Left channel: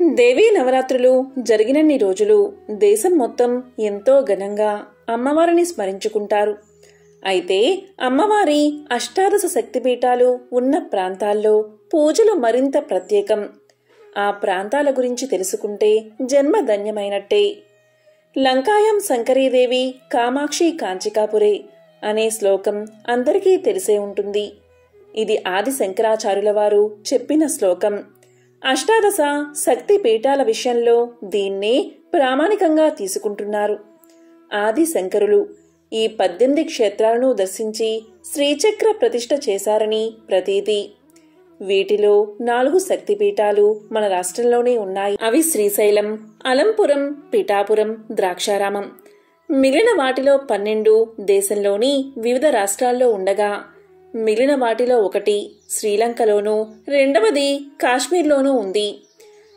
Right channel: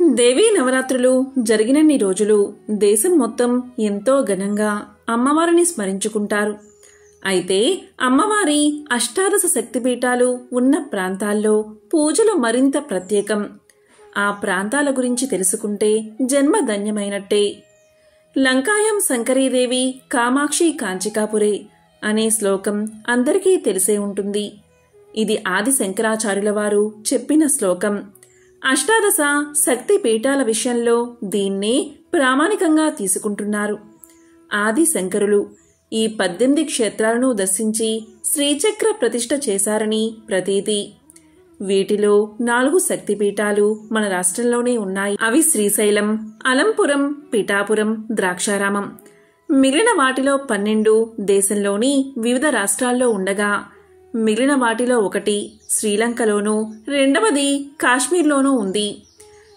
దేవీ నవరాత్రులు జరిగినన్ని రోజులు దేశం మొత్తం ఎంతో ఘనంగా అమ్మవారిని స్మరించుకుంటారు. అయితే అమ్మవారి అష్టాదశ శక్తిపీఠాలు ఉన్న ప్రాంతాల్లో పూజలు మరింత ప్రత్యేకం. ఆ ప్రాంతాల గురించి తెలుసుకుంటే జన్మ ధన్యమైనట్టే. లంకాయం శంకరీదేవి కామాక్షి కాంచికాపురే అనే శ్లోకం అందరికీ తెలిసే ఉంటుంది. ఇది ఆది శంకరాచార్యుల వారు చెప్పిన శ్లోకం. అష్టాదశ శక్తి పీఠాల విషయంలో దీన్నే ప్రామాణికంగా తీసుకుంటున్నారు. ఆది శంకరులు ఈ 18 క్షేత్రాలను దర్శించి శ్రీచక్ర ప్రతిష్ఠ చేశారని ప్రతీతి. వీటిలో 4 శక్తిపీఠాలు మన రాష్ట్రంలోనే ఉన్నాయి. అవి శ్రీశైలం, అలంపురం, పిఠాపురం, ద్రాక్షారామం. మిగిలిన వాటిలో 12 దేశంలోని వివిధ రాష్ట్రాల్లో ఉండగా మిగిలిన వాటిలో 1 శ్రీలంకలోనూ, 2వది కాశ్మీర్లోనూ ఉంది.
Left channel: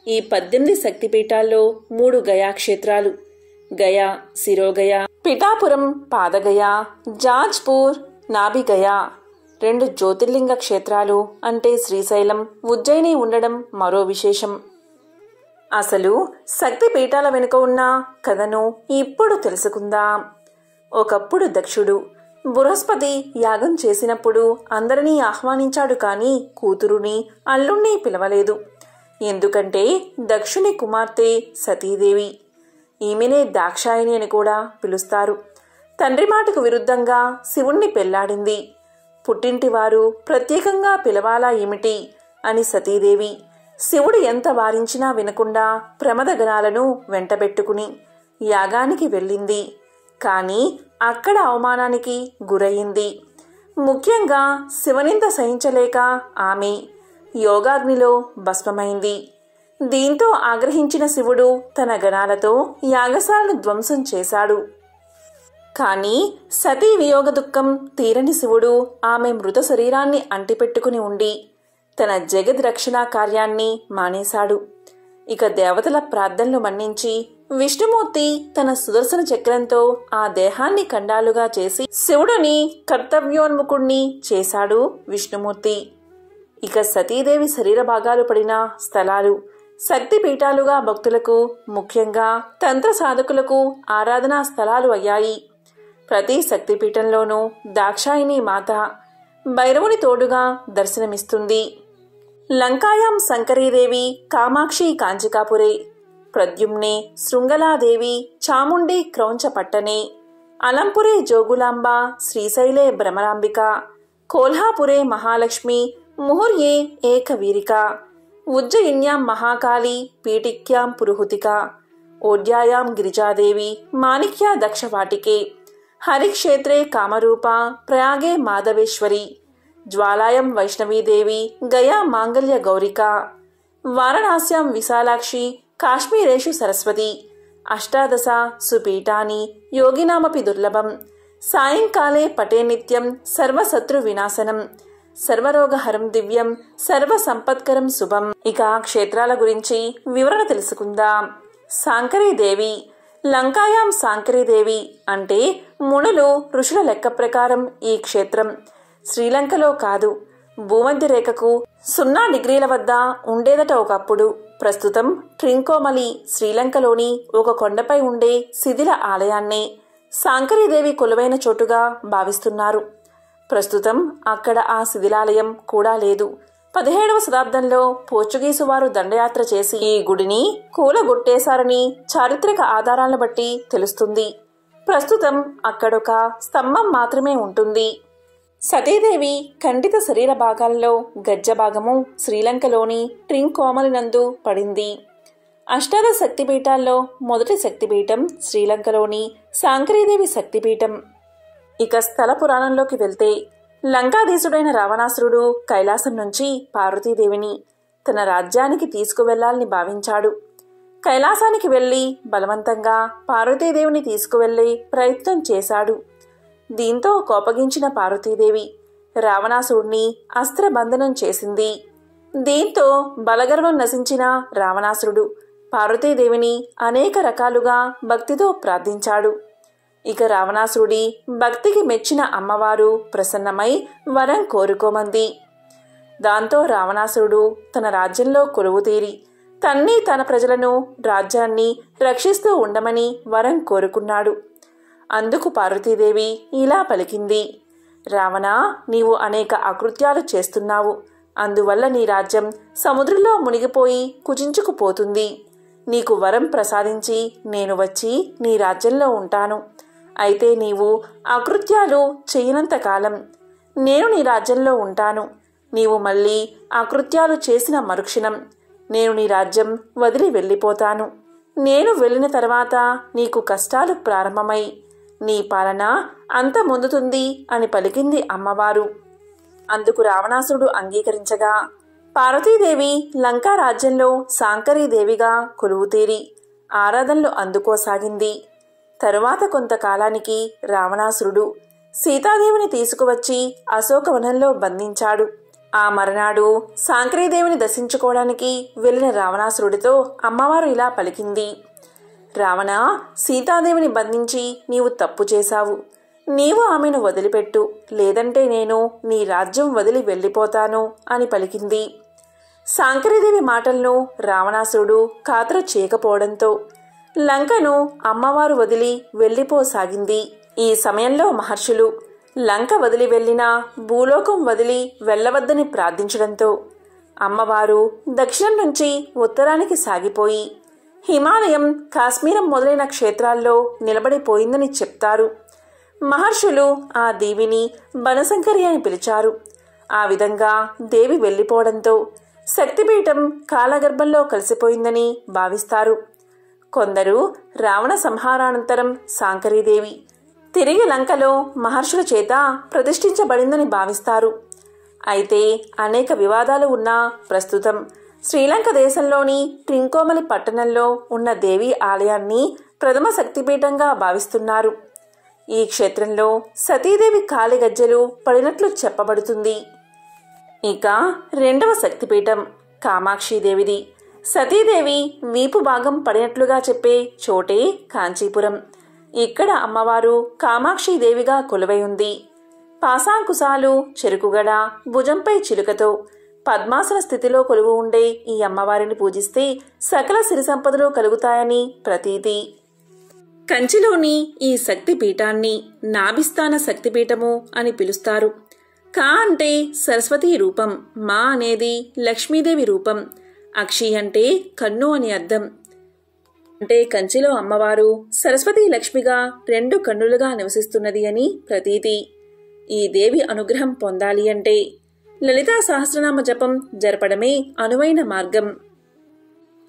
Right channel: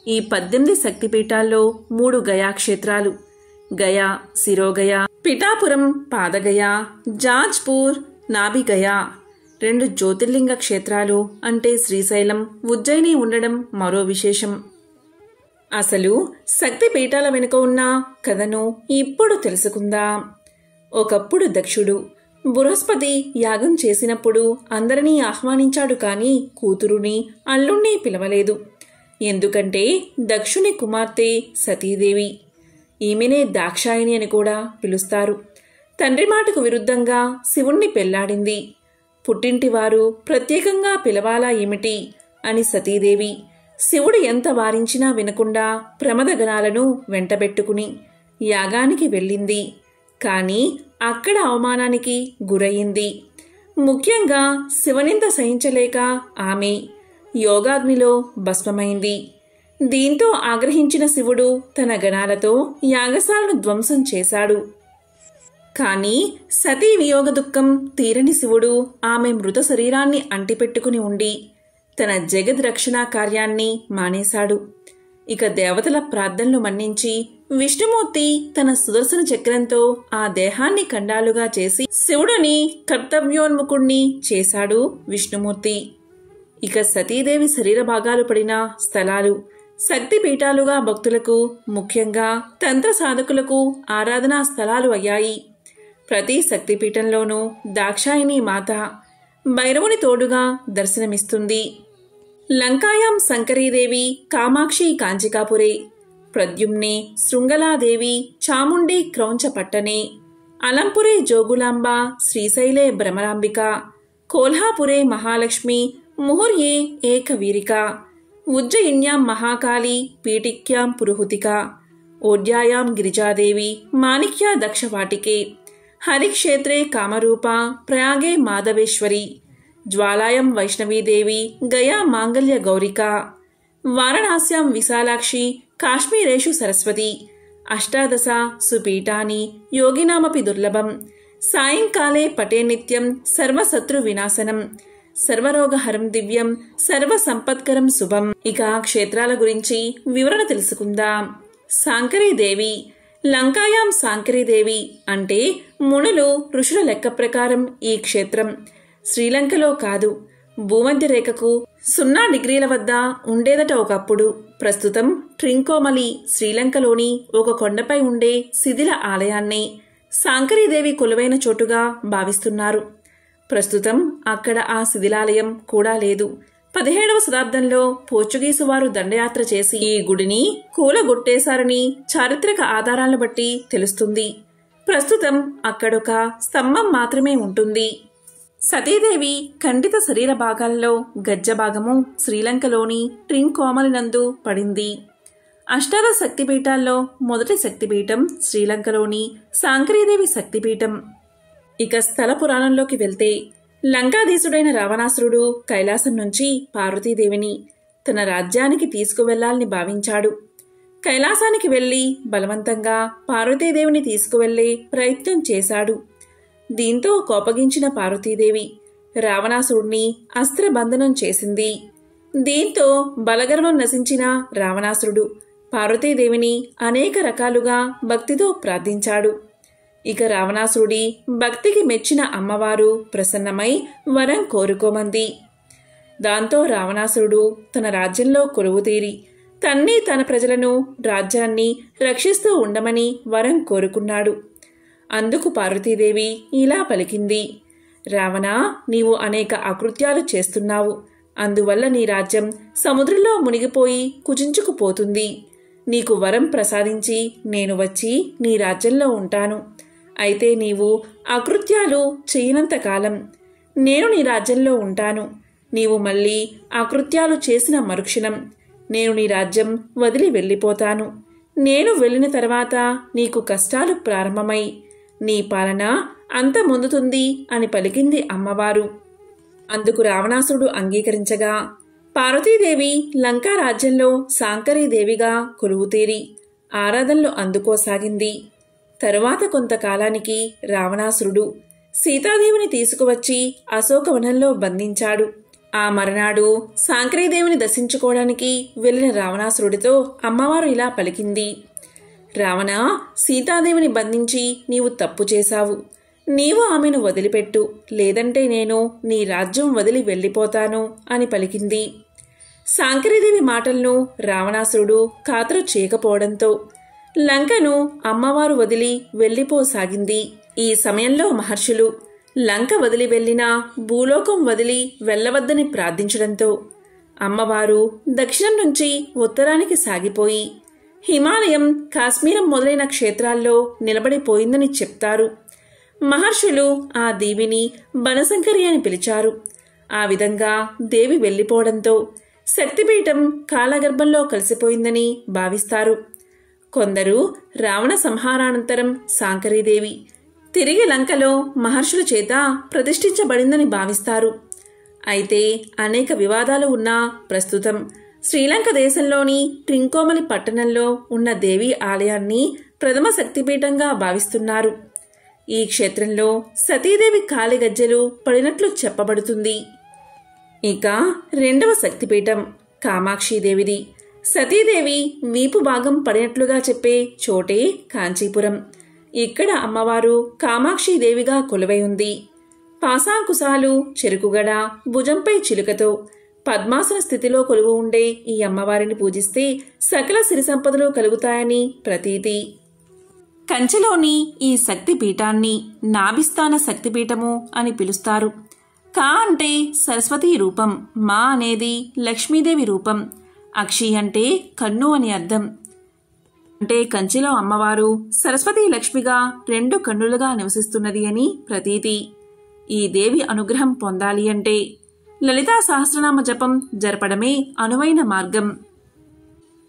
ఈ 18 శక్తిపీఠాల్లో 3 గయా క్షేత్రాలు, గయా, శిరోగయ, పిఠాపురం, పాదగయ, జాజ్పూర్, నాభిగయ. 2 జ్యోతిర్లింగ క్షేత్రాలు అంటే శ్రీశైలం, ఉజ్జయిని ఉండడం మరో విశేషం. అసలు శక్తిపీఠాల వెనుక ఉన్న కథను ఇప్పుడు తెలుసుకుందాం. ఒకప్పుడు దక్షుడు బృహస్పతి యాగం చేసినప్పుడు అందరినీ ఆహ్వానించాడు, కానీ కూతురుని, అల్లుణ్ణి పిలవలేదు. ఎందుకంటే దక్షుని కుమార్తె సతీదేవి. ఈమెనే దాక్షాయణి అని కూడా పిలుస్తారు. తండ్రి మాటకు విరుద్ధంగా శివుణ్ణి పెళ్లాడింది. పుట్టింటివారు ప్రత్యేకంగా పిలవాలా ఏమిటి అని సతీదేవి శివుడు ఎంత వారించినా వినకుండా ప్రమదగణాలను వెంటబెట్టుకుని యాగానికి వెళ్ళింది. కానీ అక్కడ అవమానానికి గురయింది. ముఖ్యంగా శివనింద సహించలేక ఆమె యోగాగ్నిలో భస్మమైంది. దీంతో ఆగ్రహించిన శివుడు తన గణాలతో యాగశాలను ధ్వంసం చేశాడు. కానీ సతీ వియోగ దుఃఖం తీరని శివుడు ఆమె మృత శరీరాన్ని అంటిపెట్టుకుని ఉండి తన జగద్రక్షణ కార్యాన్ని మానేశాడు. ఇక దేవతల ప్రార్థనలు మన్నించి విష్ణుమూర్తి తన సుదర్శన చక్రంతో ఆ దేహాన్ని ఖండాలుగా చేసి శివుడిని కర్తవ్యోన్ముఖుణ్ణి చేశాడు విష్ణుమూర్తి. ఇక సతీదేవి శరీర భాగాలు పడిన స్థలాలు శక్తిపీఠాలుగా భక్తులకు, ముఖ్యంగా తంత్ర సాధకులకు ఆరాధనా స్థలాలు అయ్యాయి. ప్రతి శక్తిపీఠంలోనూ దాక్షాయిని మాత భైరవుని తోడుగా దర్శనమిస్తుంది. లంకాయాం శంకరీదేవి కామాక్షి కాంచికాపురే, ప్రద్యుమ్నే శృంగలాదేవి చాముండి క్రౌంచపట్టనే, అలంపురే జోగులాంబ, శ్రీశైలే భ్రమరాంబిక, కోల్హాపురే మహాలక్ష్మి, ముహుర్యే ఏకవీరిక, ఉజ్జయిన్యాం మహాకాళి, పీఠిక్యాం పురుహుతిక, ఓడ్యాయాం గిరిజాదేవి, మాణిక్యా దక్షవాటికే, హరిక్షేత్రే కామరూప, ప్రయాగే మాధవేశ్వరి, జ్వాలాయం వైష్ణవీదేవి, గయా మాంగళ్య గౌరిక, వారణాస్యాం విశాలాక్షి, కాశ్మీరేషు సరస్వతి. అష్టాదశ సుపీఠాని యోగినామపి దుర్లభం, సాయంకాలే పటే నిత్యం సర్వశత్రు వినాశనం, సర్వరోగహరం దివ్యం, సర్వ సంపత్కరం శుభం. ఇక క్షేత్రాల గురించి వివరణ తెలుసుకుందాం. శాంకరీదేవి. లంకాయాం శాంకరీదేవి అంటే మునులు, ఋషుల లెక్క ప్రకారం ఈ క్షేత్రం శ్రీలంకలో కాదు, భూమధ్య రేఖకు 0 డిగ్రీల వద్ద ఉండేదట ఒకప్పుడు. ప్రస్తుతం ట్రింకోమలి శ్రీలంకలోని ఒక కొండపై ఉండే శిథిల ఆలయాన్ని శాంకరీదేవి కొలువైన చోటుగా భావిస్తున్నారు. ప్రస్తుతం అక్కడ ఆ శిథిలాలయం కూడా లేదు. 17వ శతాబ్దంలో పోర్చుగీసు వారు దండయాత్ర చేసి ఈ గుడిని కూలగొట్టేశారని చారిత్రక ఆధారాలను బట్టి తెలుస్తుంది. ప్రస్తుతం అక్కడొక స్తంభం మాత్రమే ఉంటుంది. సతీదేవి ఖండిత శరీర భాగాల్లో గజ్జ భాగము శ్రీలంకలోని ట్రింకోమలినందు పడింది. అష్టాదశ శక్తిపీఠాల్లో మొదటి శక్తిపీఠం శ్రీలంకలోని శాంకరీదేవి శక్తిపీఠం. ఇక స్థల పురాణంలోకి వెళ్తే లంకాధీశుడైన రావణాసురుడు కైలాసం నుంచి పార్వతీదేవిని తన రాజ్యానికి తీసుకువెళ్లాలని భావించాడు. కైలాసానికి వెళ్లి బలవంతంగా పార్వతీదేవిని తీసుకువెళ్లే ప్రయత్నం చేశాడు. దీంతో కోపగించిన పార్వతీదేవి రావణాసురుణ్ణి అస్త్రబంధనం చేసింది. దీంతో బలగర్వం నశించిన రావణాసురుడు పార్వతీదేవిని అనేక రకాలుగా భక్తితో ప్రార్థించాడు. ఇక రావణాసురుడి భక్తికి మెచ్చిన అమ్మవారు ప్రసన్నమై వరం కోరుకోమంది. దాంతో రావణాసురుడు తన రాజ్యంలో కొలువుతీరి తన్ని తన ప్రజలను రాజ్యాన్ని రక్షిస్తూ ఉండమని వరం కోరుకున్నాడు. అందుకు పార్వతీదేవి ఇలా పలికింది: రావణ, నీవు అనేక అకృత్యాలు చేస్తున్నావు. అందువల్ల నీ రాజ్యం సముద్రంలో మునిగిపోయి కుచించుకుపోతుంది. నీకు వరం ప్రసాదించి నేను వచ్చి నీ రాజ్యంలో ఉంటాను. అయితే నీవు అకృత్యాలు చేయనంత కాలం నేను నీ రాజ్యంలో ఉంటాను. నీవు మళ్ళీ అకృత్యాలు చేసిన మరుక్షణం నేను నీ రాజ్యం వదిలి వెళ్ళిపోతాను. నేను వెళ్ళిన తర్వాత నీకు కష్టాలు ప్రారంభమై నీ పాలన అంతమొందుతుంది అని పలికింది అమ్మవారు. అందుకు రావణాసురుడు అంగీకరించగా పార్వతీదేవి లంకా రాజ్యంలో శాంకరీదేవిగా కొలువుతీరి ఆరాధనలు అందుకోసాగింది. తరువాత కొంతకాలానికి రావణాసురుడు సీతాదేవిని తీసుకువచ్చి అశోకవనంలో బంధించాడు. ఆ మరునాడు శాంకరీదేవిని దర్శించుకోవడానికి వెళ్లిన రావణాసురుడితో అమ్మవారు ఇలా పలికింది: రావణ, సీతాదేవిని బంధించి నీవు తప్పు చేశావు. నీవు ఆమెను వదిలిపెట్టు, లేదంటే నేను నీ రాజ్యం వదిలి వెళ్ళిపోతాను అని పలికింది. శాంకరీదేవి మాటలను రావణాసురుడు ఖాతరు చేయకపోవడంతో లంకను అమ్మవారు వదిలి వెళ్ళిపోసాగింది. ఈ సమయంలో మహర్షులు లంక వదిలి వెళ్లినా భూలోకం వదిలి వెళ్లవద్దని ప్రార్థించడంతో అమ్మవారు దక్షిణం నుంచి ఉత్తరానికి సాగిపోయి హిమాలయం, కాశ్మీరం మొదలైన క్షేత్రాల్లో నిలబడిపోయిందని చెప్తారు. మహర్షులు ఆ దేవిని బనశంకరి అని పిలిచారు. ఆ విధంగా దేవి వెళ్ళిపోవడంతో శక్తిపీఠం కాలగర్భంలో కలిసిపోయిందని భావిస్తారు. కొందరు రావణ సంహారానంతరం శాంకరీదేవి తిరిగి లంకలో మహర్షుల చేత ప్రతిష్ఠించబడిందని భావిస్తారు. అయితే అనేక వివాదాలు ఉన్నా ప్రస్తుతం శ్రీలంక దేశంలోని ట్రింకోమలి పట్టణంలో ఉన్న దేవి ఆలయాన్ని ప్రథమ శక్తిపీఠంగా భావిస్తున్నారు. ఈ క్షేత్రంలో సతీదేవి కాలి గజ్జెలు పడినట్లు చెప్పబడుతుంది. ఇక రెండవ శక్తిపీఠం కామాక్షీదేవిది. సతీదేవి వీపు భాగం పడినట్లుగా చెప్పే చోటే కాంచీపురం. ఇక్కడ అమ్మవారు కామాక్షీదేవిగా కొలువై ఉంది. పాశాంకుశాలు, చెరుకుగడ, భుజంపై చిలుకతో పద్మాసన స్థితిలో కొలువు ఉండే ఈ అమ్మవారిని పూజిస్తే సకల సిరి సంపదలు కలుగుతాయని ప్రతీతి. కంచిలోని ఈ శక్తిపీఠాన్ని నాభిస్థాన శక్తిపీఠము అని పిలుస్తారు. కా అంటే సరస్వతీ రూపం, మా అనేది లక్ష్మీదేవి రూపం, అక్షి అంటే కన్ను అని అర్థం. అంటే కంచిలో అమ్మవారు సరస్వతీ లక్ష్మిగా రెండు కన్నులుగా నివసిస్తున్నది అని ప్రతీతి. ఈ దేవి అనుగ్రహం పొందాలి అంటే లలితా సహస్రనామ జపం జరపడమే అనువైన మార్గం.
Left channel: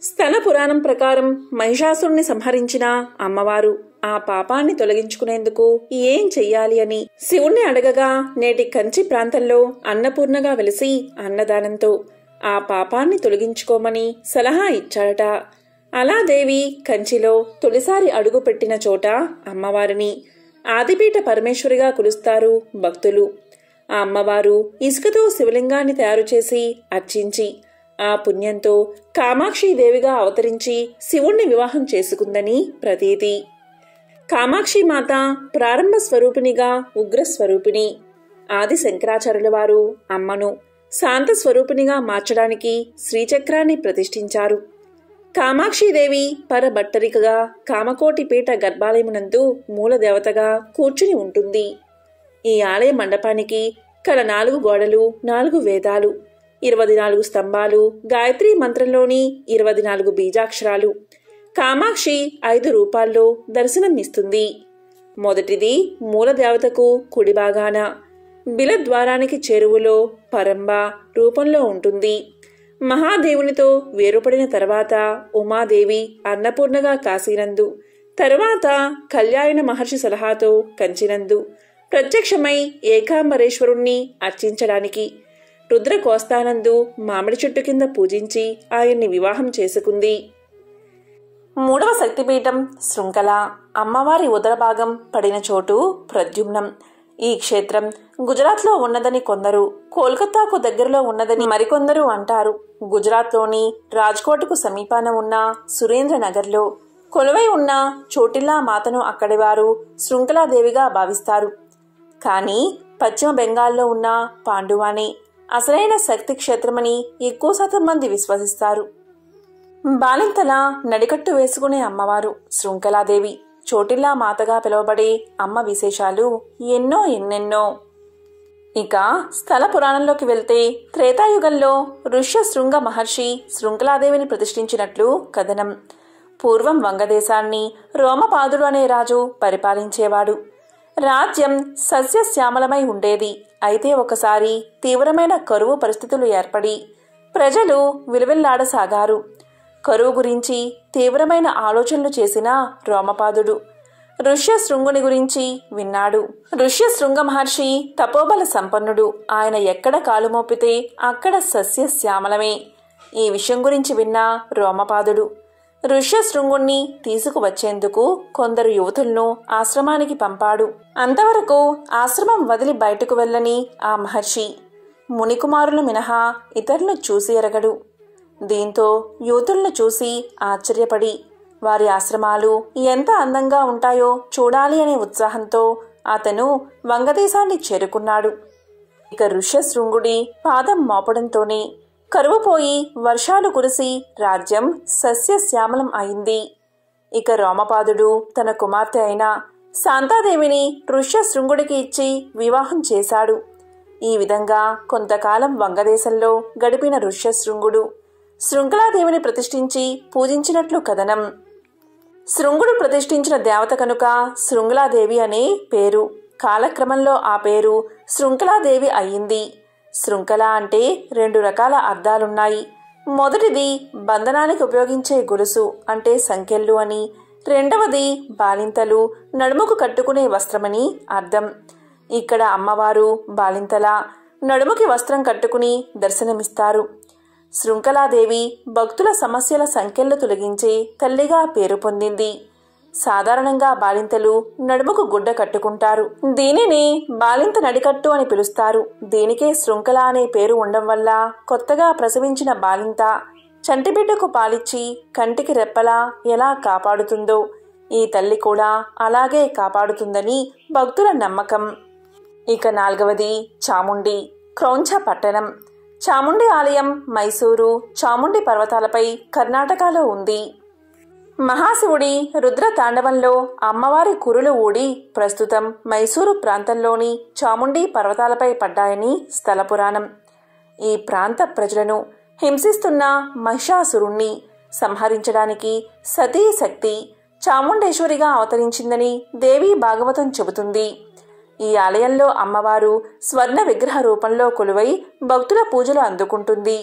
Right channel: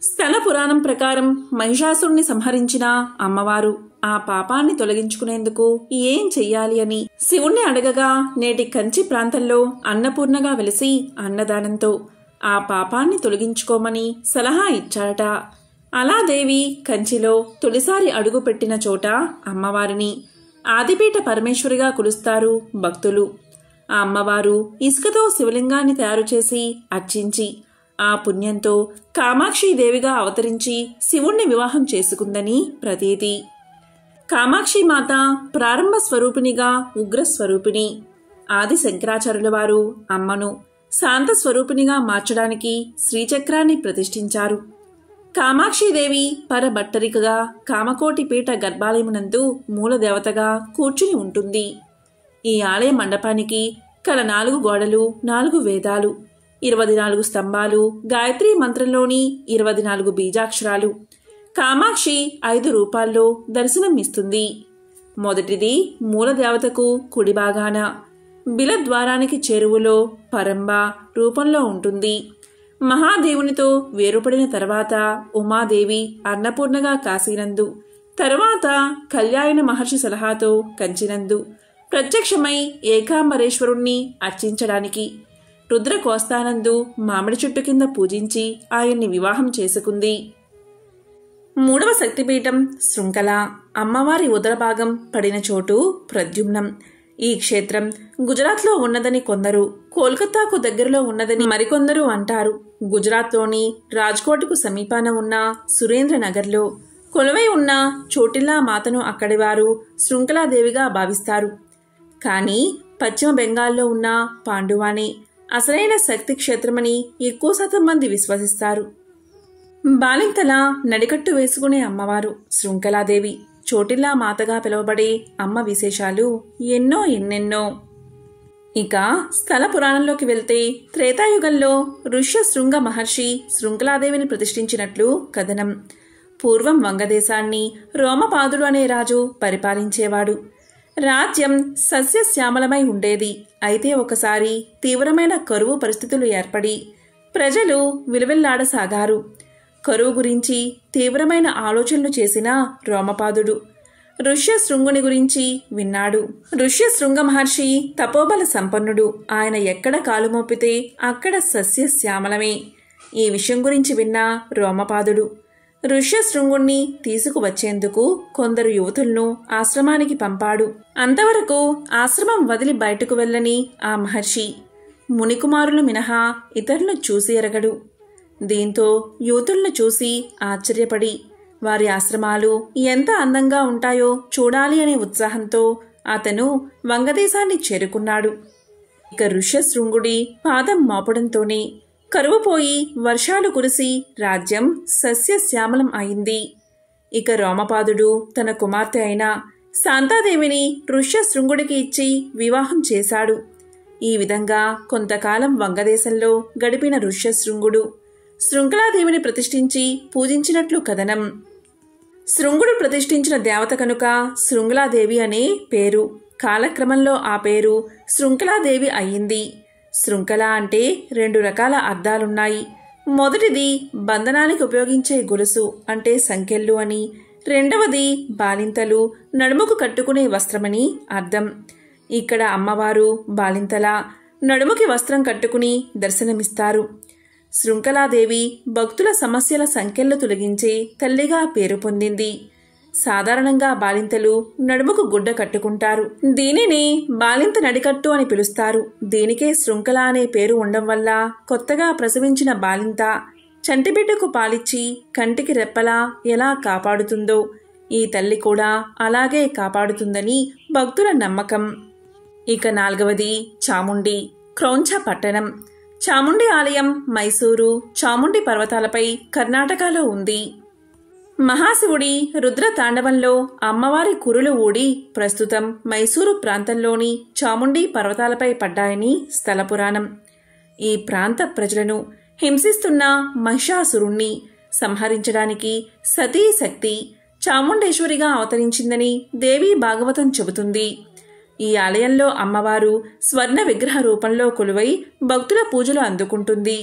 స్థల పురాణం ప్రకారం మహిషాసురుణ్ణి సంహరించిన అమ్మవారు ఆ పాపాన్ని తొలగించుకునేందుకు ఏం చెయ్యాలి అని శివుణ్ణి అడగగా నేటి కంచి ప్రాంతంలో అన్నపూర్ణగా వెలిసి అన్నదానంతో ఆ పాపాన్ని తొలగించుకోమని సలహా ఇచ్చాడట. అలా దేవి కంచిలో తొలిసారి అడుగు పెట్టిన చోట అమ్మవారిని ఆదిపీఠ పరమేశ్వరిగా కొలుస్తారు భక్తులు. ఆ అమ్మవారు ఇసుకతో శివలింగాన్ని తయారు చేసి అర్చించి ఆ పుణ్యంతో కామాక్షీదేవిగా అవతరించి శివుణ్ణి వివాహం చేసుకుందని ప్రతీతి. కామాక్షీమాత ప్రారంభ స్వరూపిణిగా ఉగ్రస్వరూపిణి. ఆది శంకరాచార్యుల వారు అమ్మను శాంత స్వరూపిణిగా మార్చడానికి శ్రీచక్రాన్ని ప్రతిష్ఠించారు. కామాక్షీదేవి పరభట్టరికగా కామకోటి పీఠ గర్భాలయమునందు మూలదేవతగా కూర్చుని ఉంటుంది. ఈ ఆలయ మండపానికి కల 4 గోడలు, 4 వేదాలు, 24 స్తంభాలు, గాయత్రీ మంత్రంలోని 24 బీజాక్షరాలు. కామాక్షి 5 రూపాల్లో దర్శనం ఇస్తుంది. మొదటిది మూలదేవతకు కుడి భాగాన బిలద్వారానికి చేరువలో పరంబ రూపంలో ఉంటుంది. మహాదేవునితో వేరుపడిన తర్వాత ఉమాదేవి అన్నపూర్ణగా కాశీనందు, తరువాత కళ్యాణ మహర్షి సలహాతో కంచినందు ప్రత్యక్షమై ఏకాంబరేశ్వరుణ్ణి అర్చించడానికి రుద్రకోస్తానందు మామిడి చెట్టు కింద పూజించి ఆయన్ని వివాహం చేసుకుంది. మూడవ శక్తిపీఠం శృంఖల. అమ్మవారి ఉదరభాగం పడిన చోటు ప్రద్యుమ్నం. ఈ క్షేత్రం గుజరాత్లో ఉన్నదని కొందరు, కోల్కతాకు దగ్గరలో ఉన్నదని మరికొందరు అంటారు. గుజరాత్లోని రాజ్కోట్కు సమీపాన ఉన్న సురేంద్రనగర్లో కొలువై ఉన్న చోటిల్లా మాతను అక్కడి వారు శృంఖలాదేవిగా భావిస్తారు. కానీ పశ్చిమ బెంగాల్లో ఉన్న పాండువాని అసలైన శక్తి క్షేత్రమని ఎక్కువ శాతం మంది విశ్వసిస్తారు. బాలింతలా నడికట్టు వేసుకునే అమ్మవారు శృంఖలాదేవి. చోటిల్లా మాతగా పిలువబడే అమ్మ విశేషాలు ఎన్నెన్నో. ఇక స్థల పురాణంలోకి వెళ్తే త్రేతాయుగంలో ఋష్యశృంగ మహర్షి శృంఖలాదేవిని ప్రతిష్ఠించినట్లు కథనం. పూర్వం వంగదేశాన్ని రోమపాదుడు అనే రాజు పరిపాలించేవాడు. రాజ్యం సస్యశ్యామలమై ఉండేది. అయితే ఒకసారి తీవ్రమైన కరువు పరిస్థితులు ఏర్పడి ప్రజలు విలువెల్లాడసాగారు. కరువు గురించి తీవ్రమైన ఆలోచనలు చేసిన రోమపాదుడు ఋష్యశృంగుని గురించి విన్నాడు. ఋష్యశృంగ మహర్షి తపోబల సంపన్నుడు. ఆయన ఎక్కడ కాలు మోపితే అక్కడ సస్యశ్యామలమే. ఈ విషయం గురించి విన్న రోమపాదుడు ఋష్యశృంగుణ్ణి తీసుకువచ్చేందుకు కొందరు యువతులను ఆశ్రమానికి పంపాడు. అంతవరకు ఆశ్రమం వదిలి బయటకు వెళ్ళని ఆ మహర్షి మునికుమారులు మినహా ఇతరులను చూసి ఎరగడు. దీంతో యువతులను చూసి ఆశ్చర్యపడి వారి ఆశ్రమాలు ఎంత అందంగా ఉంటాయో చూడాలి అనే ఉత్సాహంతో అతను వంగదేశాన్ని చేరుకున్నాడు. ఇక ఋష్యశృంగుడి పాదం మోపడంతోనే కరువు పోయి వర్షాలు కురిసి రాజ్యం సస్యశ్యామలం అయింది. ఇక రోమపాదుడు తన కుమార్తె అయిన శాంతాదేవిని ఋష్యశృంగుడికి ఇచ్చి వివాహం చేశాడు. ఈ విధంగా కొంతకాలం వంగదేశంలో గడిపిన ఋష్యశృంగుడు శృంఖలాదేవిని ప్రతిష్ఠించి పూజించినట్లు కథనం. శృంగుడు ప్రతిష్ఠించిన దేవత కనుక శృంఖలాదేవి అనే పేరు. కాలక్రమంలో ఆ పేరు శృంఖలాదేవి అయ్యింది. శృంఖల అంటే 2 రకాల అర్థాలున్నాయి. మొదటిది బంధనానికి ఉపయోగించే గొలుసు అంటే సంకెళ్ళు అని, రెండవది బాలింతలు నడుముకు కట్టుకునే వస్త్రమని అర్థం. ఇక్కడ అమ్మవారు బాలింతల నడుముకి వస్త్రం కట్టుకుని దర్శనమిస్తారు. శృంఖలాదేవి భక్తుల సమస్యల సంఖ్యలు తొలగించే తల్లిగా పేరు పొందింది. సాధారణంగా బాలింతలు నడుముకు గుడ్డ కట్టుకుంటారు. దీనిని బాలింత నడికట్టు అని పిలుస్తారు. దీనికే శృంఖల అనే పేరు ఉండడం వల్ల కొత్తగా ప్రసవించిన బాలింత చంటిబిడ్డకు పాలిచ్చి కంటికి రెప్పలా ఎలా కాపాడుతుందో ఈ తల్లి కూడా అలాగే కాపాడుతుందని భక్తుల నమ్మకం. ఇక 4వది చాముండి క్రౌంచ పట్టణం. చాముండి ఆలయం మైసూరు చాముండి పర్వతాలపై కర్ణాటకలో ఉంది. మహాశివుడి రుద్ర తాండవంలో అమ్మవారి కురులు ఊడి ప్రస్తుతం మైసూరు ప్రాంతంలోని చాముండి పర్వతాలపై పడ్డాయని స్థల పురాణం. ఈ ప్రాంత ప్రజలను హింసిస్తున్న మహిషాసురుణ్ణి సంహరించడానికి సతీ శక్తి చాముండేశ్వరిగా అవతరించిందని దేవీ భాగవతం చెబుతుంది. ఈ ఆలయంలో అమ్మవారు స్వర్ణ విగ్రహ రూపంలో కొలువై భక్తుల పూజలు అందుకుంటుంది.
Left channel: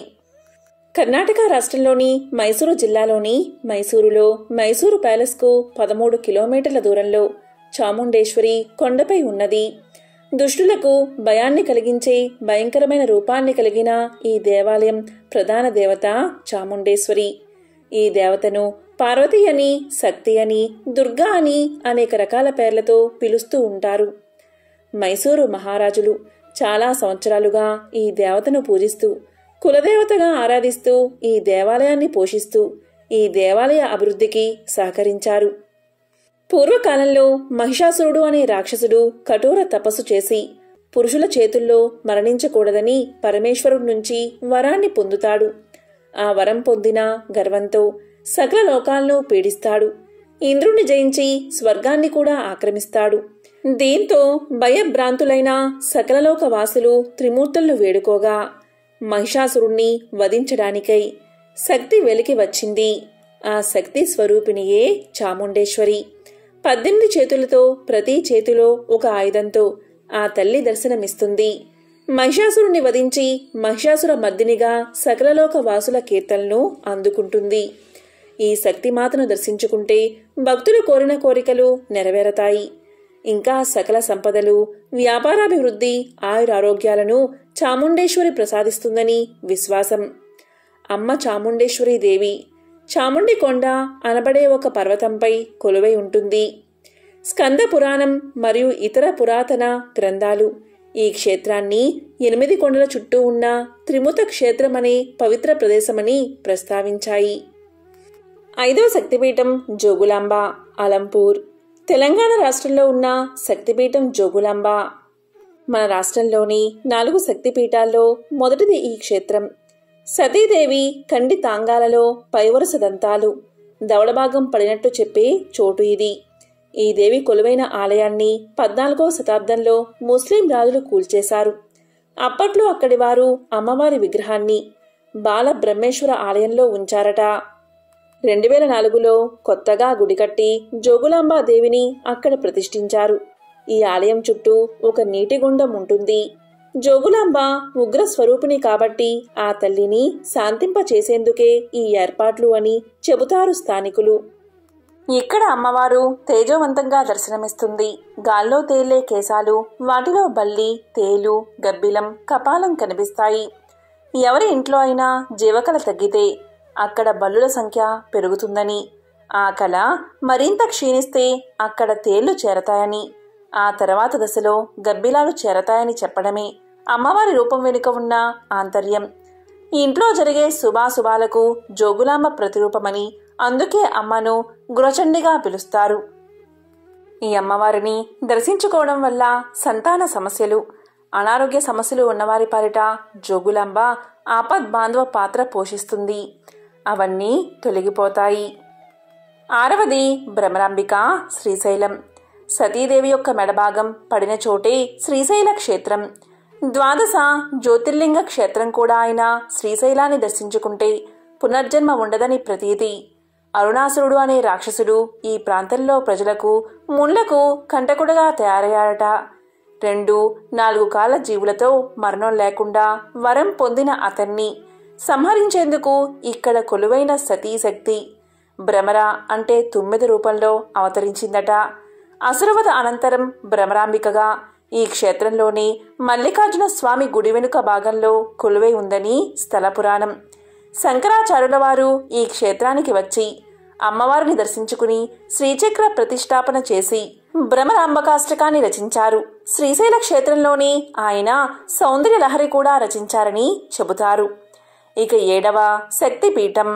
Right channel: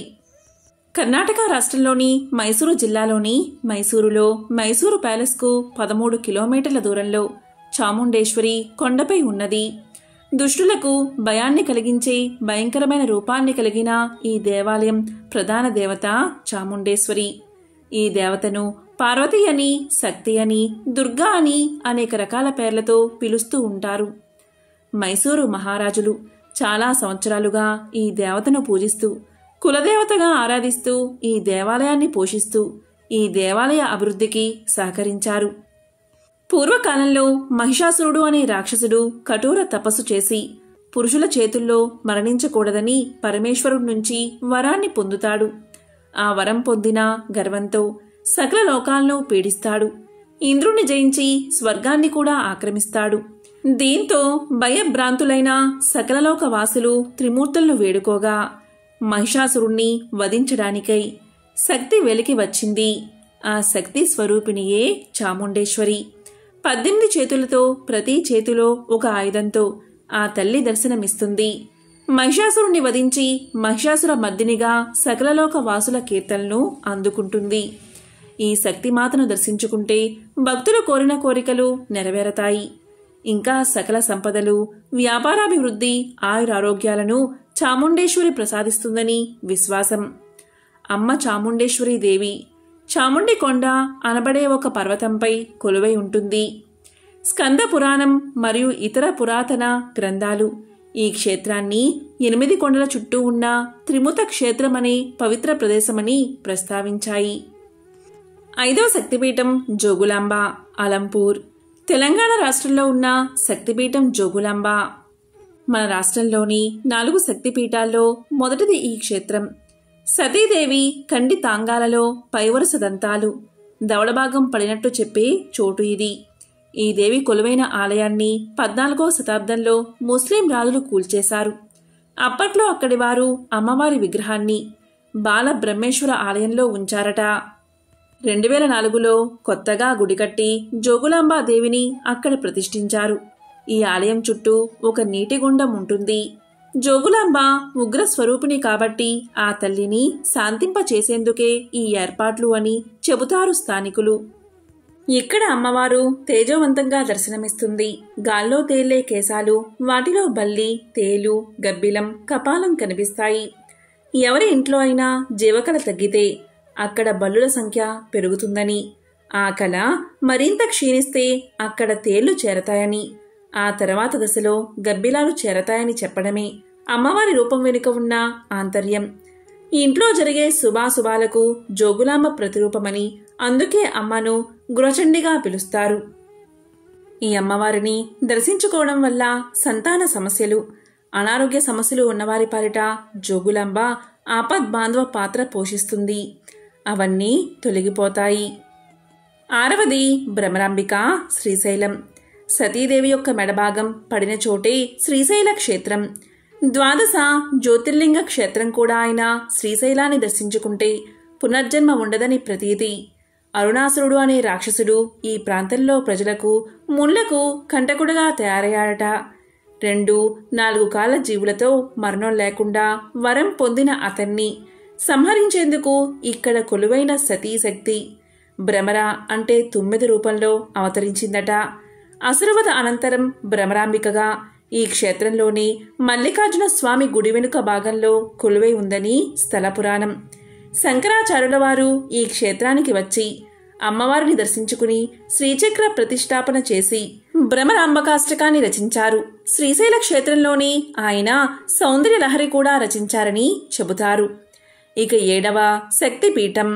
కర్ణాటక రాష్ట్రంలోని మైసూరు జిల్లాలోని మైసూరులో మైసూరు ప్యాలెస్కు 13 కిలోమీటర్ల దూరంలో చాముండేశ్వరి కొండపై ఉన్నది. దుష్టులకు భయాన్ని కలిగించే భయంకరమైన రూపాన్ని కలిగిన ఈ దేవాలయం ప్రధాన దేవత చాముండేశ్వరి. ఈ దేవతను పార్వతి అని, శక్తి అని, దుర్గా అని అనేక రకాల పేర్లతో పిలుస్తూ ఉంటారు. మైసూరు మహారాజులు చాలా సంవత్సరాలుగా ఈ దేవతను పూజిస్తూ కులదేవతగా ఆరాధిస్తూ ఈ దేవాలయాన్ని పోషిస్తూ ఈ దేవాలయ అభివృద్ధికి సహకరించారు. పూర్వకాలంలో మహిషాసురుడు అనే రాక్షసుడు కఠోర తపస్సు చేసి పురుషుల చేతుల్లో మరణించకూడదని పరమేశ్వరుడి నుంచి వరాన్ని పొందుతాడు. ఆ వరం పొందిన గర్వంతో సకల లోకాలను పీడిస్తాడు. ఇంద్రుణ్ణి జయించి స్వర్గాన్ని కూడా ఆక్రమిస్తాడు. దీంతో భయభ్రాంతులైన సకలలోక వాసులు త్రిమూర్తులను వేడుకోగా మహిషాసురుణ్ణి వధించడానికై శక్తి వెలికి వచ్చింది. ఆ శక్తి స్వరూపిణియే చాముండేశ్వరి. 18 చేతులతో ప్రతి చేతిలో ఒక ఆయుధంతో ఆ తల్లి దర్శనమిస్తుంది. మహిషాసురుణ్ణి వధించి మహిషాసుర మర్దినిగా సకలలోక వాసుల కీర్తనలను అందుకుంటుంది. ఈ శక్తిమాతను దర్శించుకుంటే భక్తులు కోరిన కోరికలు నెరవేరతాయి. ఇంకా సకల సంపదలు, వ్యాపారాభివృద్ధి, ఆయురారోగ్యాలను చాముండేశ్వరి ప్రసాదిస్తుందని విశ్వాసం. అమ్మ చాముండేశ్వరి దేవి చాముండి కొండ అనబడే ఒక పర్వతంపై కొలువై ఉంటుంది. స్కంద పురాణం మరియు ఇతర పురాతన గ్రంథాలు ఈ క్షేత్రాన్ని 8 కొండల చుట్టూ ఉన్న త్రిముత క్షేత్రమనే పవిత్ర ప్రదేశమని ప్రస్తావించాయి. 5వ శక్తిపీఠం జోగులాంబ, అలంపూర్. తెలంగాణ రాష్ట్రంలో ఉన్న శక్తిపీఠం జోగులాంబ. మన రాష్ట్రంలోని 4 శక్తిపీఠాల్లో మొదటిది ఈ క్షేత్రం. సతీదేవి కండి తాంగాలలో పైవరుస దంతాలు, దవడభాగం పడినట్టు చెప్పే చోటు ఇది. ఈ దేవి కొలువైన ఆలయాన్ని 14వ శతాబ్దంలో ముస్లిం రాజులు కూల్చేశారు. అప్పట్లో అక్కడి వారు అమ్మవారి విగ్రహాన్ని బాల బ్రహ్మేశ్వర ఆలయంలో ఉంచారట. 2004లో కొత్తగా గుడి కట్టి జోగులాంబాదేవిని అక్కడ ప్రతిష్ఠించారు. ఈ ఆలయం చుట్టూ ఒక నీటి గుండం ఉంటుంది. జోగులాంబ ఉగ్ర స్వరూపిణి కాబట్టి ఆ తల్లిని శాంతింపచేసేందుకే ఈ ఏర్పాట్లు అని చెబుతారు స్థానికులు. ఇక్కడ అమ్మవారు తేజోవంతంగా దర్శనమిస్తుంది. గాల్లో తేలే కేశాలు, వాటిలో బల్లి, తేలు, గబ్బిలం, కపాలం కనిపిస్తాయి. ఎవరి ఇంట్లో అయినా జీవకళ తగ్గితే అక్కడ బల్లుల సంఖ్య పెరుగుతుందని, ఆ కళ మరింత క్షీణిస్తే అక్కడ తేళ్లు చేరతాయని, ఆ తర్వాత దశలో గబ్బిలాలు చేరతాయని చెప్పడమే అమ్మవారి రూపం వెనుక ఉన్న ఆంతర్యం. ఇంట్లో జరిగే శుభాశుభాలకు జోగులాంబ ప్రతిరూపమని అందుకే అమ్మను గృహచండిగా పిలుస్తారు. ఈ అమ్మవారిని దర్శించుకోవడం వల్ల సంతాన సమస్యలు, అనారోగ్య సమస్యలు ఉన్నవారి పాలిట జోగులాంబ ఆపద్బాంధవ పాత్ర పోషిస్తుంది. అవన్నీ తొలగిపోతాయి. 6వది భ్రమరాంబిక శ్రీశైలం. సతీదేవి యొక్క మెడభాగం పడిన చోటే శ్రీశైల క్షేత్రం. 12 జ్యోతిర్లింగ క్షేత్రం కూడా అయిన శ్రీశైలాన్ని దర్శించుకుంటే పునర్జన్మ ఉండదని ప్రతీతి. అరుణాసురుడు అనే రాక్షసుడు ఈ ప్రాంతంలో ప్రజలకు ముళ్లకు కంటకుడుగా తయారయ్యాడట. 2-4 కాళ్ళ జీవులతో మరణం లేకుండా వరం పొందిన అతన్ని సంహరించేందుకు ఇక్కడ కొలువైన సతీశక్తి భ్రమర అంటే 9 రూపంలో అవతరించిందట. అసురవధ అనంతరం భ్రమరాంబికగా ఈ క్షేత్రంలోని మల్లికార్జున స్వామి గుడి వెనుక భాగంలో కొలువై ఉందని స్థల పురాణం. శంకరాచార్యుల వారు ఈ క్షేత్రానికి వచ్చి అమ్మవారిని దర్శించుకుని శ్రీచక్ర ప్రతిష్టాపన చేసి భ్రమరాంబకాష్టకాన్ని రచించారు. శ్రీశైల క్షేత్రంలోని ఆయన సౌందర్య లహరి కూడా రచించారని చెబుతారు. ఇక 7వ శక్తిపీఠం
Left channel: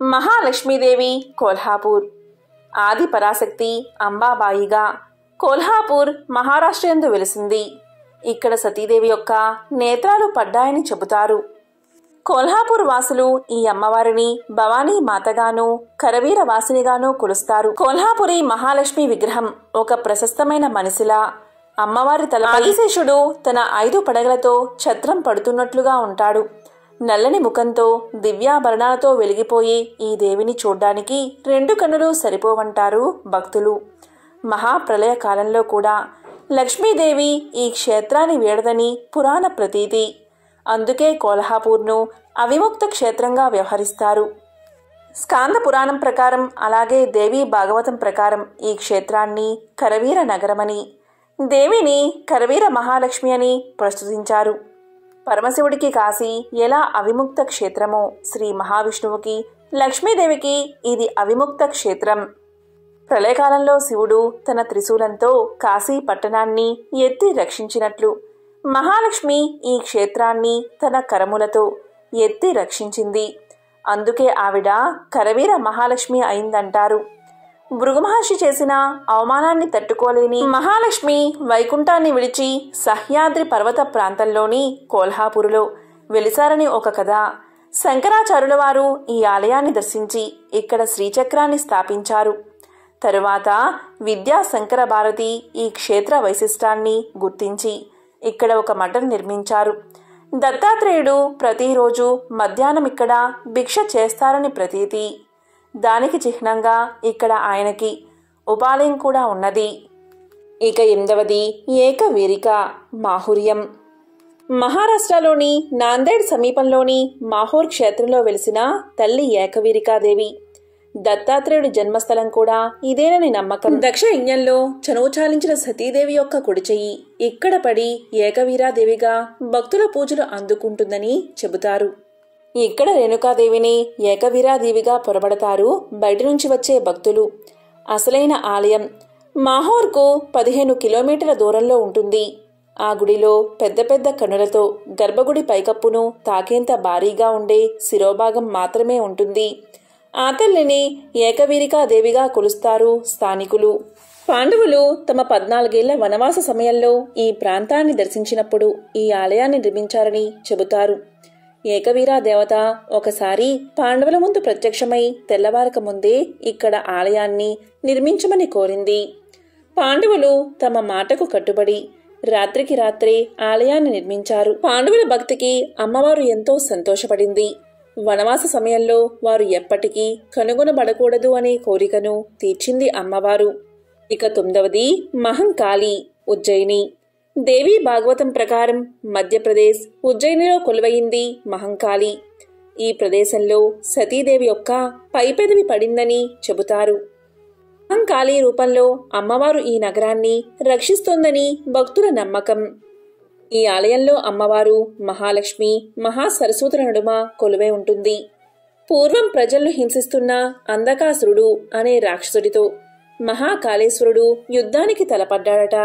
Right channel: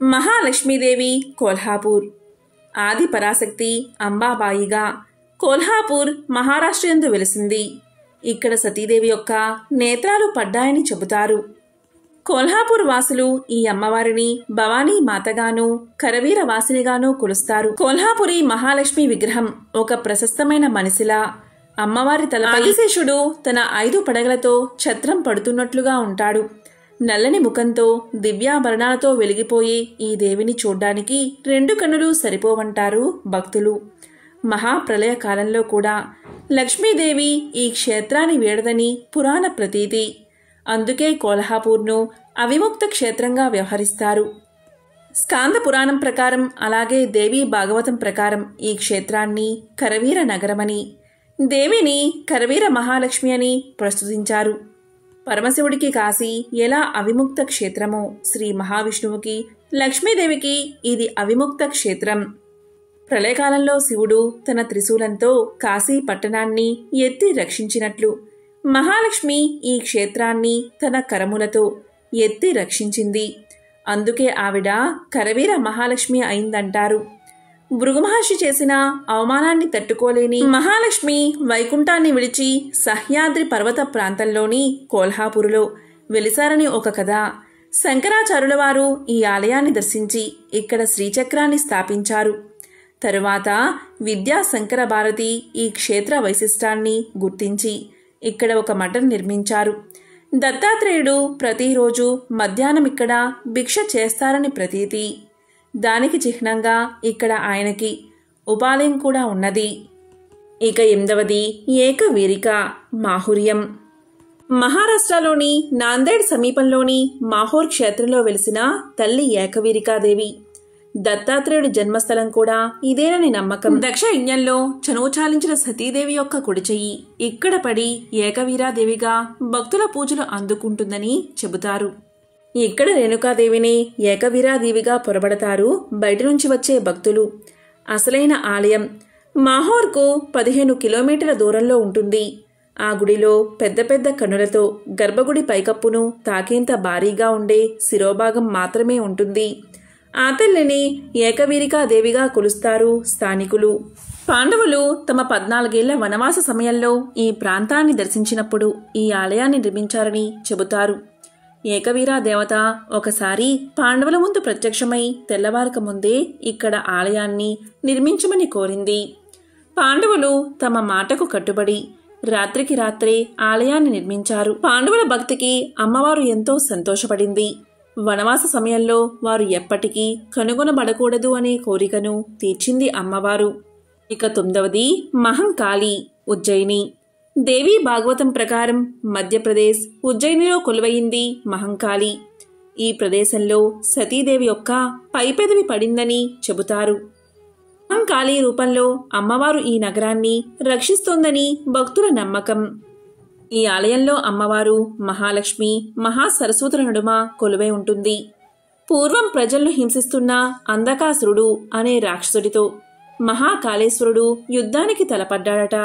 మహాలక్ష్మీదేవి కోల్హాపూర్. ఆది పరాశక్తి అంబాబాయిగా కోల్హాపూర్ మహారాష్ట్ర యందు వెలిసింది. ఇక్కడ సతీదేవి యొక్క నేత్రాలు పడ్డాయని చెబుతారు. కోల్హాపూర్ వాసులు ఈ అమ్మవారిని భవానీ మాతగాను కరవీర వాసినిగాను కొలుస్తారు. కోల్హాపురి మహాలక్ష్మి విగ్రహం ఒక ప్రశస్తమైన మనిషిలా, అమ్మవారి తలపై ఆదిశేషుడు తన 5 పడగలతో ఛత్రం పడుతున్నట్లుగా ఉంటాడు. నల్లని ముఖంతో దివ్యాభరణాలతో వెలిగిపోయే ఈ దేవిని చూడ్డానికి 2 కన్నులు సరిపోవంటారు భక్తులు. మహాప్రళయ కాలంలో కూడా లక్ష్మీదేవి ఈ క్షేత్రాన్ని వీడదని పురాణ ప్రతీతి. అందుకే కోల్హాపూర్ను అవిముక్త క్షేత్రంగా వ్యవహరిస్తారు. స్కాంద పురాణం ప్రకారం అలాగే దేవీ భాగవతం ప్రకారం ఈ క్షేత్రాన్ని కరవీర నగరమని, దేవిని కరవీర మహాలక్ష్మి అని ప్రస్తుతించారు. పరమశివుడికి కాశీ ఎలా అవిముక్త క్షేత్రమో శ్రీ మహావిష్ణువుకి లక్ష్మీదేవికి ఇది అవిముక్త క్షేత్రం. ప్రళయకాలంలో శివుడు తన త్రిశూలంతో కాశీ పట్టణాన్ని ఎత్తి రక్షించినట్లు మహాలక్ష్మి ఈ క్షేత్రాన్ని తన కరములతో ఎత్తి రక్షించింది. అందుకే ఆవిడ కరవీర మహాలక్ష్మి అయిందంటారు. భృగుమహర్షి చేసిన అవమానాన్ని తట్టుకోలేని మహాలక్ష్మి వైకుంఠాన్ని విడిచి సహ్యాద్రి పర్వత ప్రాంతంలోని కోల్హాపూరులో వెలిసారని ఒక కథ. శంకరాచార్యుల వారు ఈ ఆలయాన్ని దర్శించి ఇక్కడ శ్రీచక్రాన్ని స్థాపించారు. తరువాత విద్యా శంకర భారతి ఈ క్షేత్ర వైశిష్టాన్ని గుర్తించి ఇక్కడ ఒక మఠం నిర్మించారు. దత్తాత్రేయుడు ప్రతిరోజు మధ్యాహ్నం ఇక్కడ భిక్ష చేస్తారని ప్రతీతి. దానికి చిహ్నంగా ఇక్కడ ఆయనకి ఉపాలయం కూడా ఉన్నది. ఇక 8వది ఏకవీరిక మాహుర్యం. మహారాష్ట్రలోని నాందేడ్ సమీపంలోని మాహూర్ క్షేత్రంలో వెలిసిన తల్లి ఏకవీరికాదేవి. దత్తాత్రేయుడి జన్మస్థలం కూడా ఇదేనని నమ్మకం. దక్ష యజ్ఞంలో చనువు చాలించిన సతీదేవి యొక్క కుడి చెయ్యి ఇక్కడ పడి ఏకవీరాదేవిగా భక్తుల పూజలు అందుకుంటుందని చెబుతారు. ఇక్కడ రేణుకాదేవిని ఏకవీరాదేవిగా పొరబడతారు బయట నుంచి వచ్చే భక్తులు. అసలైన ఆలయం మాహోర్కు 15 కిలోమీటర్ల దూరంలో ఉంటుంది. ఆ గుడిలో పెద్ద పెద్ద కన్నులతో గర్భగుడి పైకప్పును తాకేంత భారీగా ఉండే శిరోభాగం మాత్రమే ఉంటుంది. ఆ తల్లిని ఏకవీరికాదేవిగా కొలుస్తారు స్థానికులు. పాండవులు తమ 14 ఏళ్ల వనవాస సమయంలో ఈ ప్రాంతాన్ని దర్శించినప్పుడు ఈ ఆలయాన్ని నిర్మించారని చెబుతారు. ఏకవీరా దేవత ఒకసారి పాండవుల ముందు ప్రత్యక్షమై తెల్లవారక ముందే ఇక్కడ ఆలయాన్ని నిర్మించమని కోరింది. పాండవులు తమ మాటకు కట్టుబడి రాత్రికి రాత్రే ఆలయాన్ని నిర్మించారు. పాండవుల భక్తికి అమ్మవారు ఎంతో సంతోషపడింది. వనవాస సమయంలో వారు ఎప్పటికీ కనుగొనబడకూడదు అనే కోరికను తీర్చింది అమ్మవారు. ఇక 9వది మహంకాళి, ఉజ్జయిని. దేవీ భాగవతం ప్రకారం మధ్యప్రదేశ్ ఉజ్జయినిలో కొలువయింది మహంకాళి. ఈ ప్రదేశంలో సతీదేవి యొక్క పైపెదవి పడిందని చెబుతారు. మహంకాళి రూపంలో అమ్మవారు ఈ నగరాన్ని రక్షిస్తోందని భక్తుల నమ్మకం. ఈ ఆలయంలో అమ్మవారు మహాలక్ష్మి, మహాసరస్వతుల నడుమ కొలువై ఉంటుంది. పూర్వం ప్రజలను హింసిస్తున్న అంధకాసురుడు అనే రాక్షసుడితో మహాకాళేశ్వరుడు యుద్ధానికి తలపడ్డాడట.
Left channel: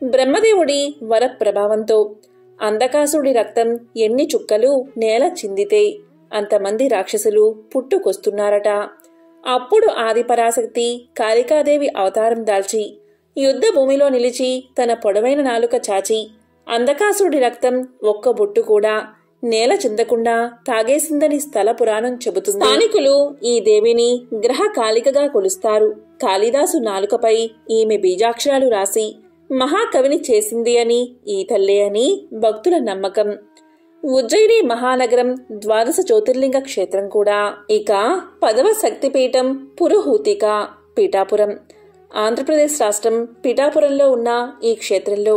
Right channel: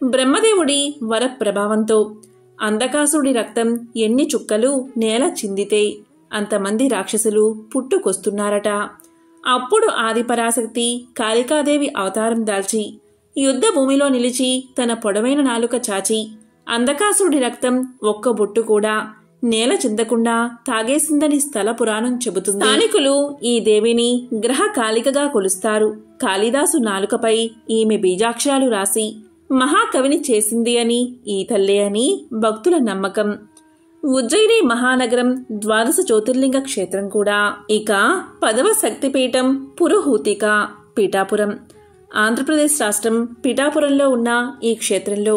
బ్రహ్మదేవుడి వరప్రభావంతో అంధకాసురుడి రక్తం ఎన్ని చుక్కలు నేల చిందితే అంతమంది రాక్షసులు పుట్టుకొస్తున్నారట. అప్పుడు ఆదిపరాశక్తి కాళికాదేవి అవతారం దాల్చి యుద్ధ భూమిలో నిలిచి తన పొడవైన నాలుక చాచి అంధకాసురుడి రక్తం ఒక్క బొట్టు కూడా నేల చిందకుండా తాగేసిందని స్థల పురాణం చెబుతుంది. స్థానికులు ఈ దేవిని గ్రహ కాళికగా కొలుస్తారు. కాళిదాసు నాలుకపై ఈమె బీజాక్షరాలు రాసి మహాకవిని చేసింది అని ఈ తల్లే అని భక్తుల నమ్మకం. ఉజ్జయిని మహానగరం 12 జ్యోతిర్లింగ క్షేత్రం కూడా. ఇక 10వ శక్తిపీఠం పురుహూతిక, పీఠాపురం. ఆంధ్రప్రదేశ్ రాష్ట్రం పీఠాపురంలో ఉన్న ఈ క్షేత్రంలో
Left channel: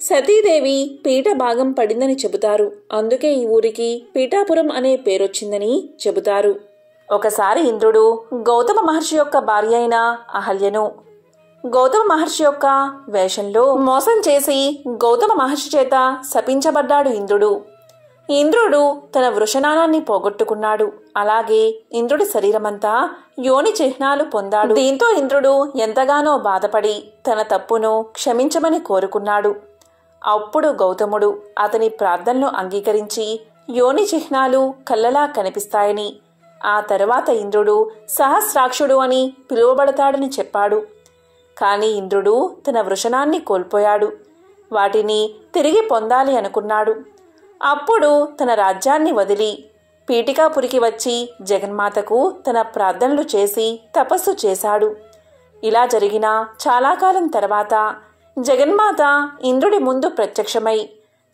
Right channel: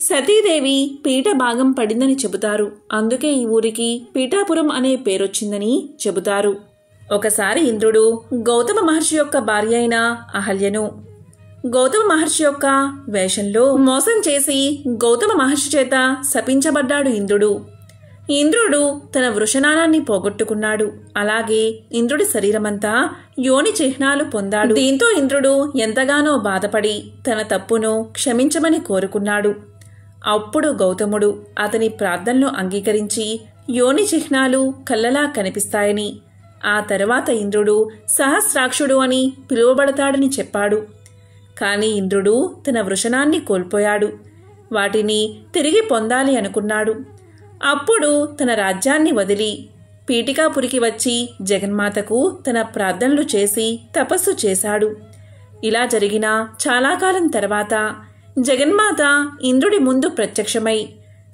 సతీదేవి పీఠ భాగం పడిందని చెబుతారు. అందుకే ఈ ఊరికి పీఠాపురం అనే పేరొచ్చిందని చెబుతారు. ఒకసారి ఇంద్రుడు గౌతమ మహర్షి యొక్క భార్య అయిన అహల్యను గౌతమ మహర్షి యొక్క వేషంలో మోసం చేసి గౌతమ మహర్షి చేత శపించబడ్డాడు ఇంద్రుడు. ఇంద్రుడు తన వృషణానాన్ని పోగొట్టుకున్నాడు. అలాగే ఇంద్రుడి శరీరమంతా యోని చిహ్నాలు పొందాడు. దీంతో ఇంద్రుడు ఎంతగానో బాధపడి తన తప్పును క్షమించమని కోరుకున్నాడు. అప్పుడు గౌతముడు అతని ప్రార్థనలు అంగీకరించి యోని చిహ్నాలు కళ్ళలా కనిపిస్తాయని, ఆ తరువాత ఇంద్రుడు సహస్రాక్షుడు అని పిలువబడతాడని చెప్పాడు. కాని ఇంద్రుడు తన వృషణాన్ని కోల్పోయాడు. వాటిని తిరిగి పొందాలి అనుకున్నాడు. అప్పుడు తన రాజ్యాన్ని వదిలి పీఠికాపురికి వచ్చి జగన్మాతకు తన ప్రార్థనలు చేసి తపస్సు చేశాడు. ఇలా జరిగిన చాలా కాలం తర్వాత జగన్మాత ఇంద్రుడి ముందు ప్రత్యక్షమై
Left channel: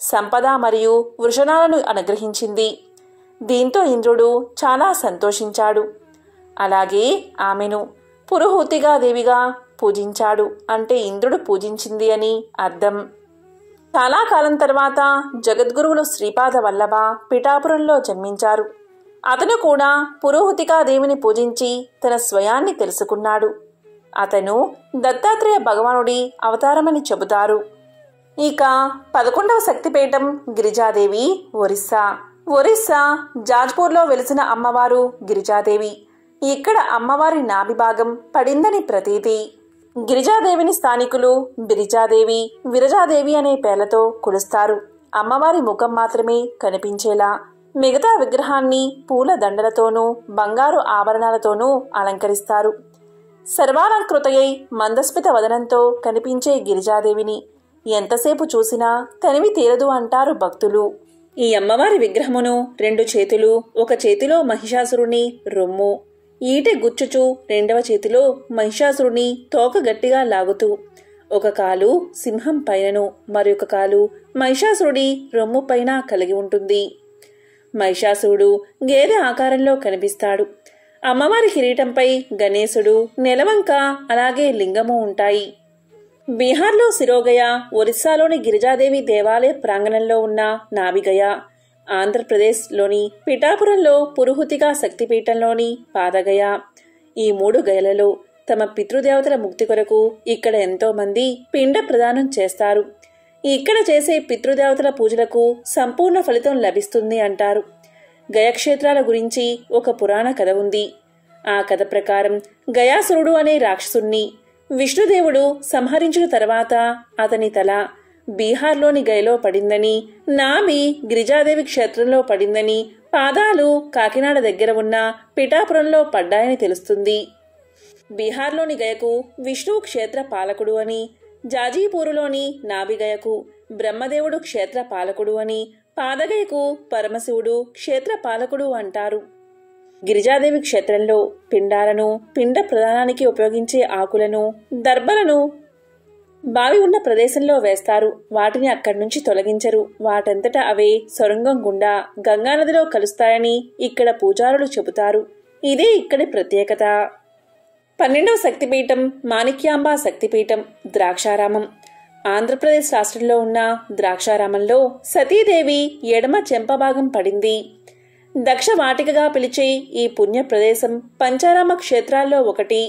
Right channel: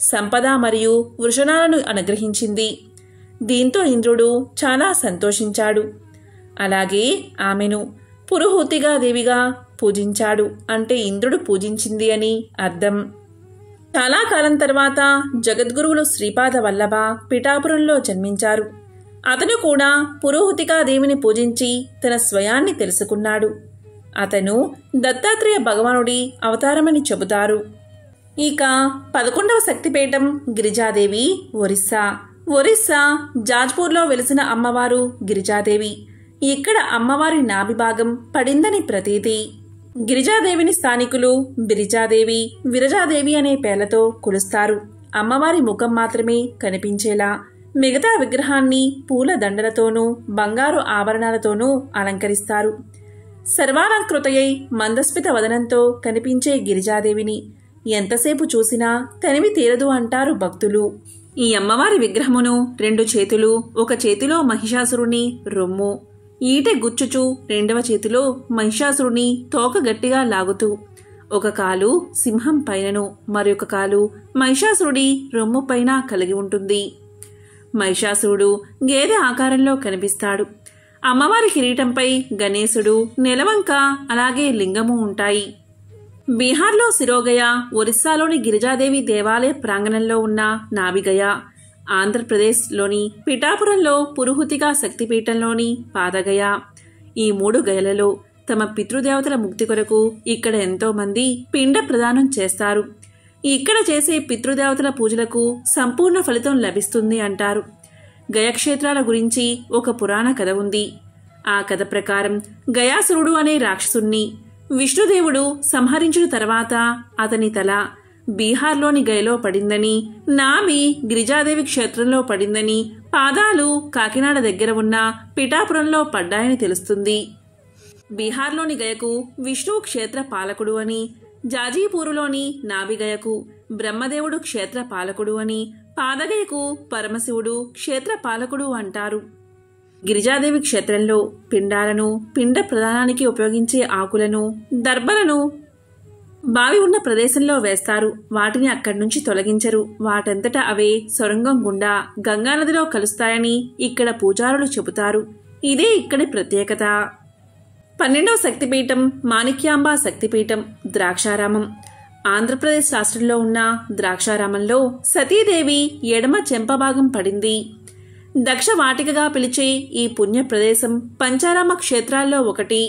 సంపద మరియు వృషణాలను అనుగ్రహించింది. దీంతో ఇంద్రుడు చాలా సంతోషించాడు. అలాగే ఆమెను పురుహూతిగా దేవిగా పూజించాడు. అంటే ఇంద్రుడు పూజించింది అని అర్థం. చాలా కాలం తర్వాత జగద్గురువులు శ్రీపాద వల్లభ పిఠాపురంలో జన్మించారు. అతను కూడా పురోహతికాదేవిని పూజించి తన స్వయాన్ని తెలుసుకున్నాడు. అతను దత్తాత్రేయ భగవానుడి అవతారమని చెబుతారు. ఇక 11వ శక్తిపీఠం గిరిజాదేవి, ఒరిస్సా. ఒరిస్సా జాజ్పూర్లో వెలిసిన అమ్మవారు గిరిజాదేవి. ఇక్కడ అమ్మవారి నాభిభాగం పడిందని ప్రతీతి. గిరిజాదేవిని స్థానికులు బిరిజాదేవి, విరజాదేవి అనే పేర్లతో కొలుస్తారు. అమ్మవారి ముఖం మాత్రమే కనిపించేలా మిగతా విగ్రహాన్ని పూల దండలతోనూ బంగారు ఆభరణాలతోనూ అలంకరిస్తారు. సర్వాలంకృతయై మందస్మిత వదనంతో కనిపించే గిరిజాదేవిని ఎంతసేపు చూసినా తనివి తీరదు అంటారు భక్తులు. ఈ అమ్మవారి విగ్రహమును 2 చేతులు, ఒక చేతిలో మహిషాసురుని రొమ్ము, ఈటె గుచ్చుచు 2వ చేతిలో మహిషాసురుని తోక గట్టిగా లాగుతూ, ఒక కాలు సింహం పైనను మరొక కాలు మహిషాసురుడి రొమ్ము పైన కలిగి ఉంటుంది. మహిషాసురుడు గేదె ఆకారంలో కనిపిస్తాడు. అమ్మవారి కిరీటంపై గణేశుడు, నెలవంక అలాగే లింగము ఉంటాయి. బీహార్లో సిరోగయ, ఒరిస్సాలోని గిరిజాదేవి దేవాలయ ప్రాంగణంలో ఉన్న నాభిగయ, ఆంధ్రప్రదేశ్లోని పిఠాపురంలో పురుహుతిక శక్తిపీఠంలోని పాదగయ, ఈ 3 గయలలో తమ పితృదేవతల ముక్తి కొరకు ఇక్కడ ఎంతోమంది పిండ ప్రదానం చేస్తారు. ఇక్కడ చేసే పితృదేవతల పూజలకు సంపూర్ణ ఫలితం లభిస్తుంది అంటారు. గయక్షేత్రాల గురించి ఒక పురాణ కథ ఉంది. ఆ కథ ప్రకారం గయాసురుడు అనే రాక్షసుణ్ణి విష్ణుదేవుడు సంహరించిన తర్వాత అతని తల బీహార్లోని గయలో పడిందని, నాభి గిరిజాదేవి క్షేత్రంలో పడిందని, పాదాలు కాకినాడ దగ్గర ఉన్న పిఠాపురంలో పడ్డాయని తెలుస్తుంది. బీహార్లోని గయకు విష్ణువు క్షేత్ర పాలకుడు అని, జాజీపూరులోని నాభిగయకు బ్రహ్మదేవుడు క్షేత్ర పాలకుడు అని, పాదగయకు పరమశివుడు క్షేత్రపాలకుడు అంటారు. గిరిజాదేవి క్షేత్రంలో పిండాలను, పిండ ప్రదానానికి ఉపయోగించే ఆకులను, దర్భలను బావి ఉన్న ప్రదేశంలో వేస్తారు. వాటిని అక్కడి నుంచి తొలగించరు. వాటంతటా అవే సొరంగం గుండా గంగానదిలో కలుస్తాయని ఇక్కడ పూజారులు చెబుతారు. ఇదే ఇక్కడి ప్రత్యేకత. 12వ శక్తిపీఠం మాణిక్యాంబ శక్తిపీఠం ద్రాక్షారామం. ఆంధ్రప్రదేశ్ రాష్ట్రంలో ఉన్న ద్రాక్షారామంలో సతీదేవి ఎడమ చెంపభాగం పడింది. దక్ష వాటికగా పిలిచే ఈ పుణ్య ప్రదేశం పంచారామ క్షేత్రాల్లో ఒకటి.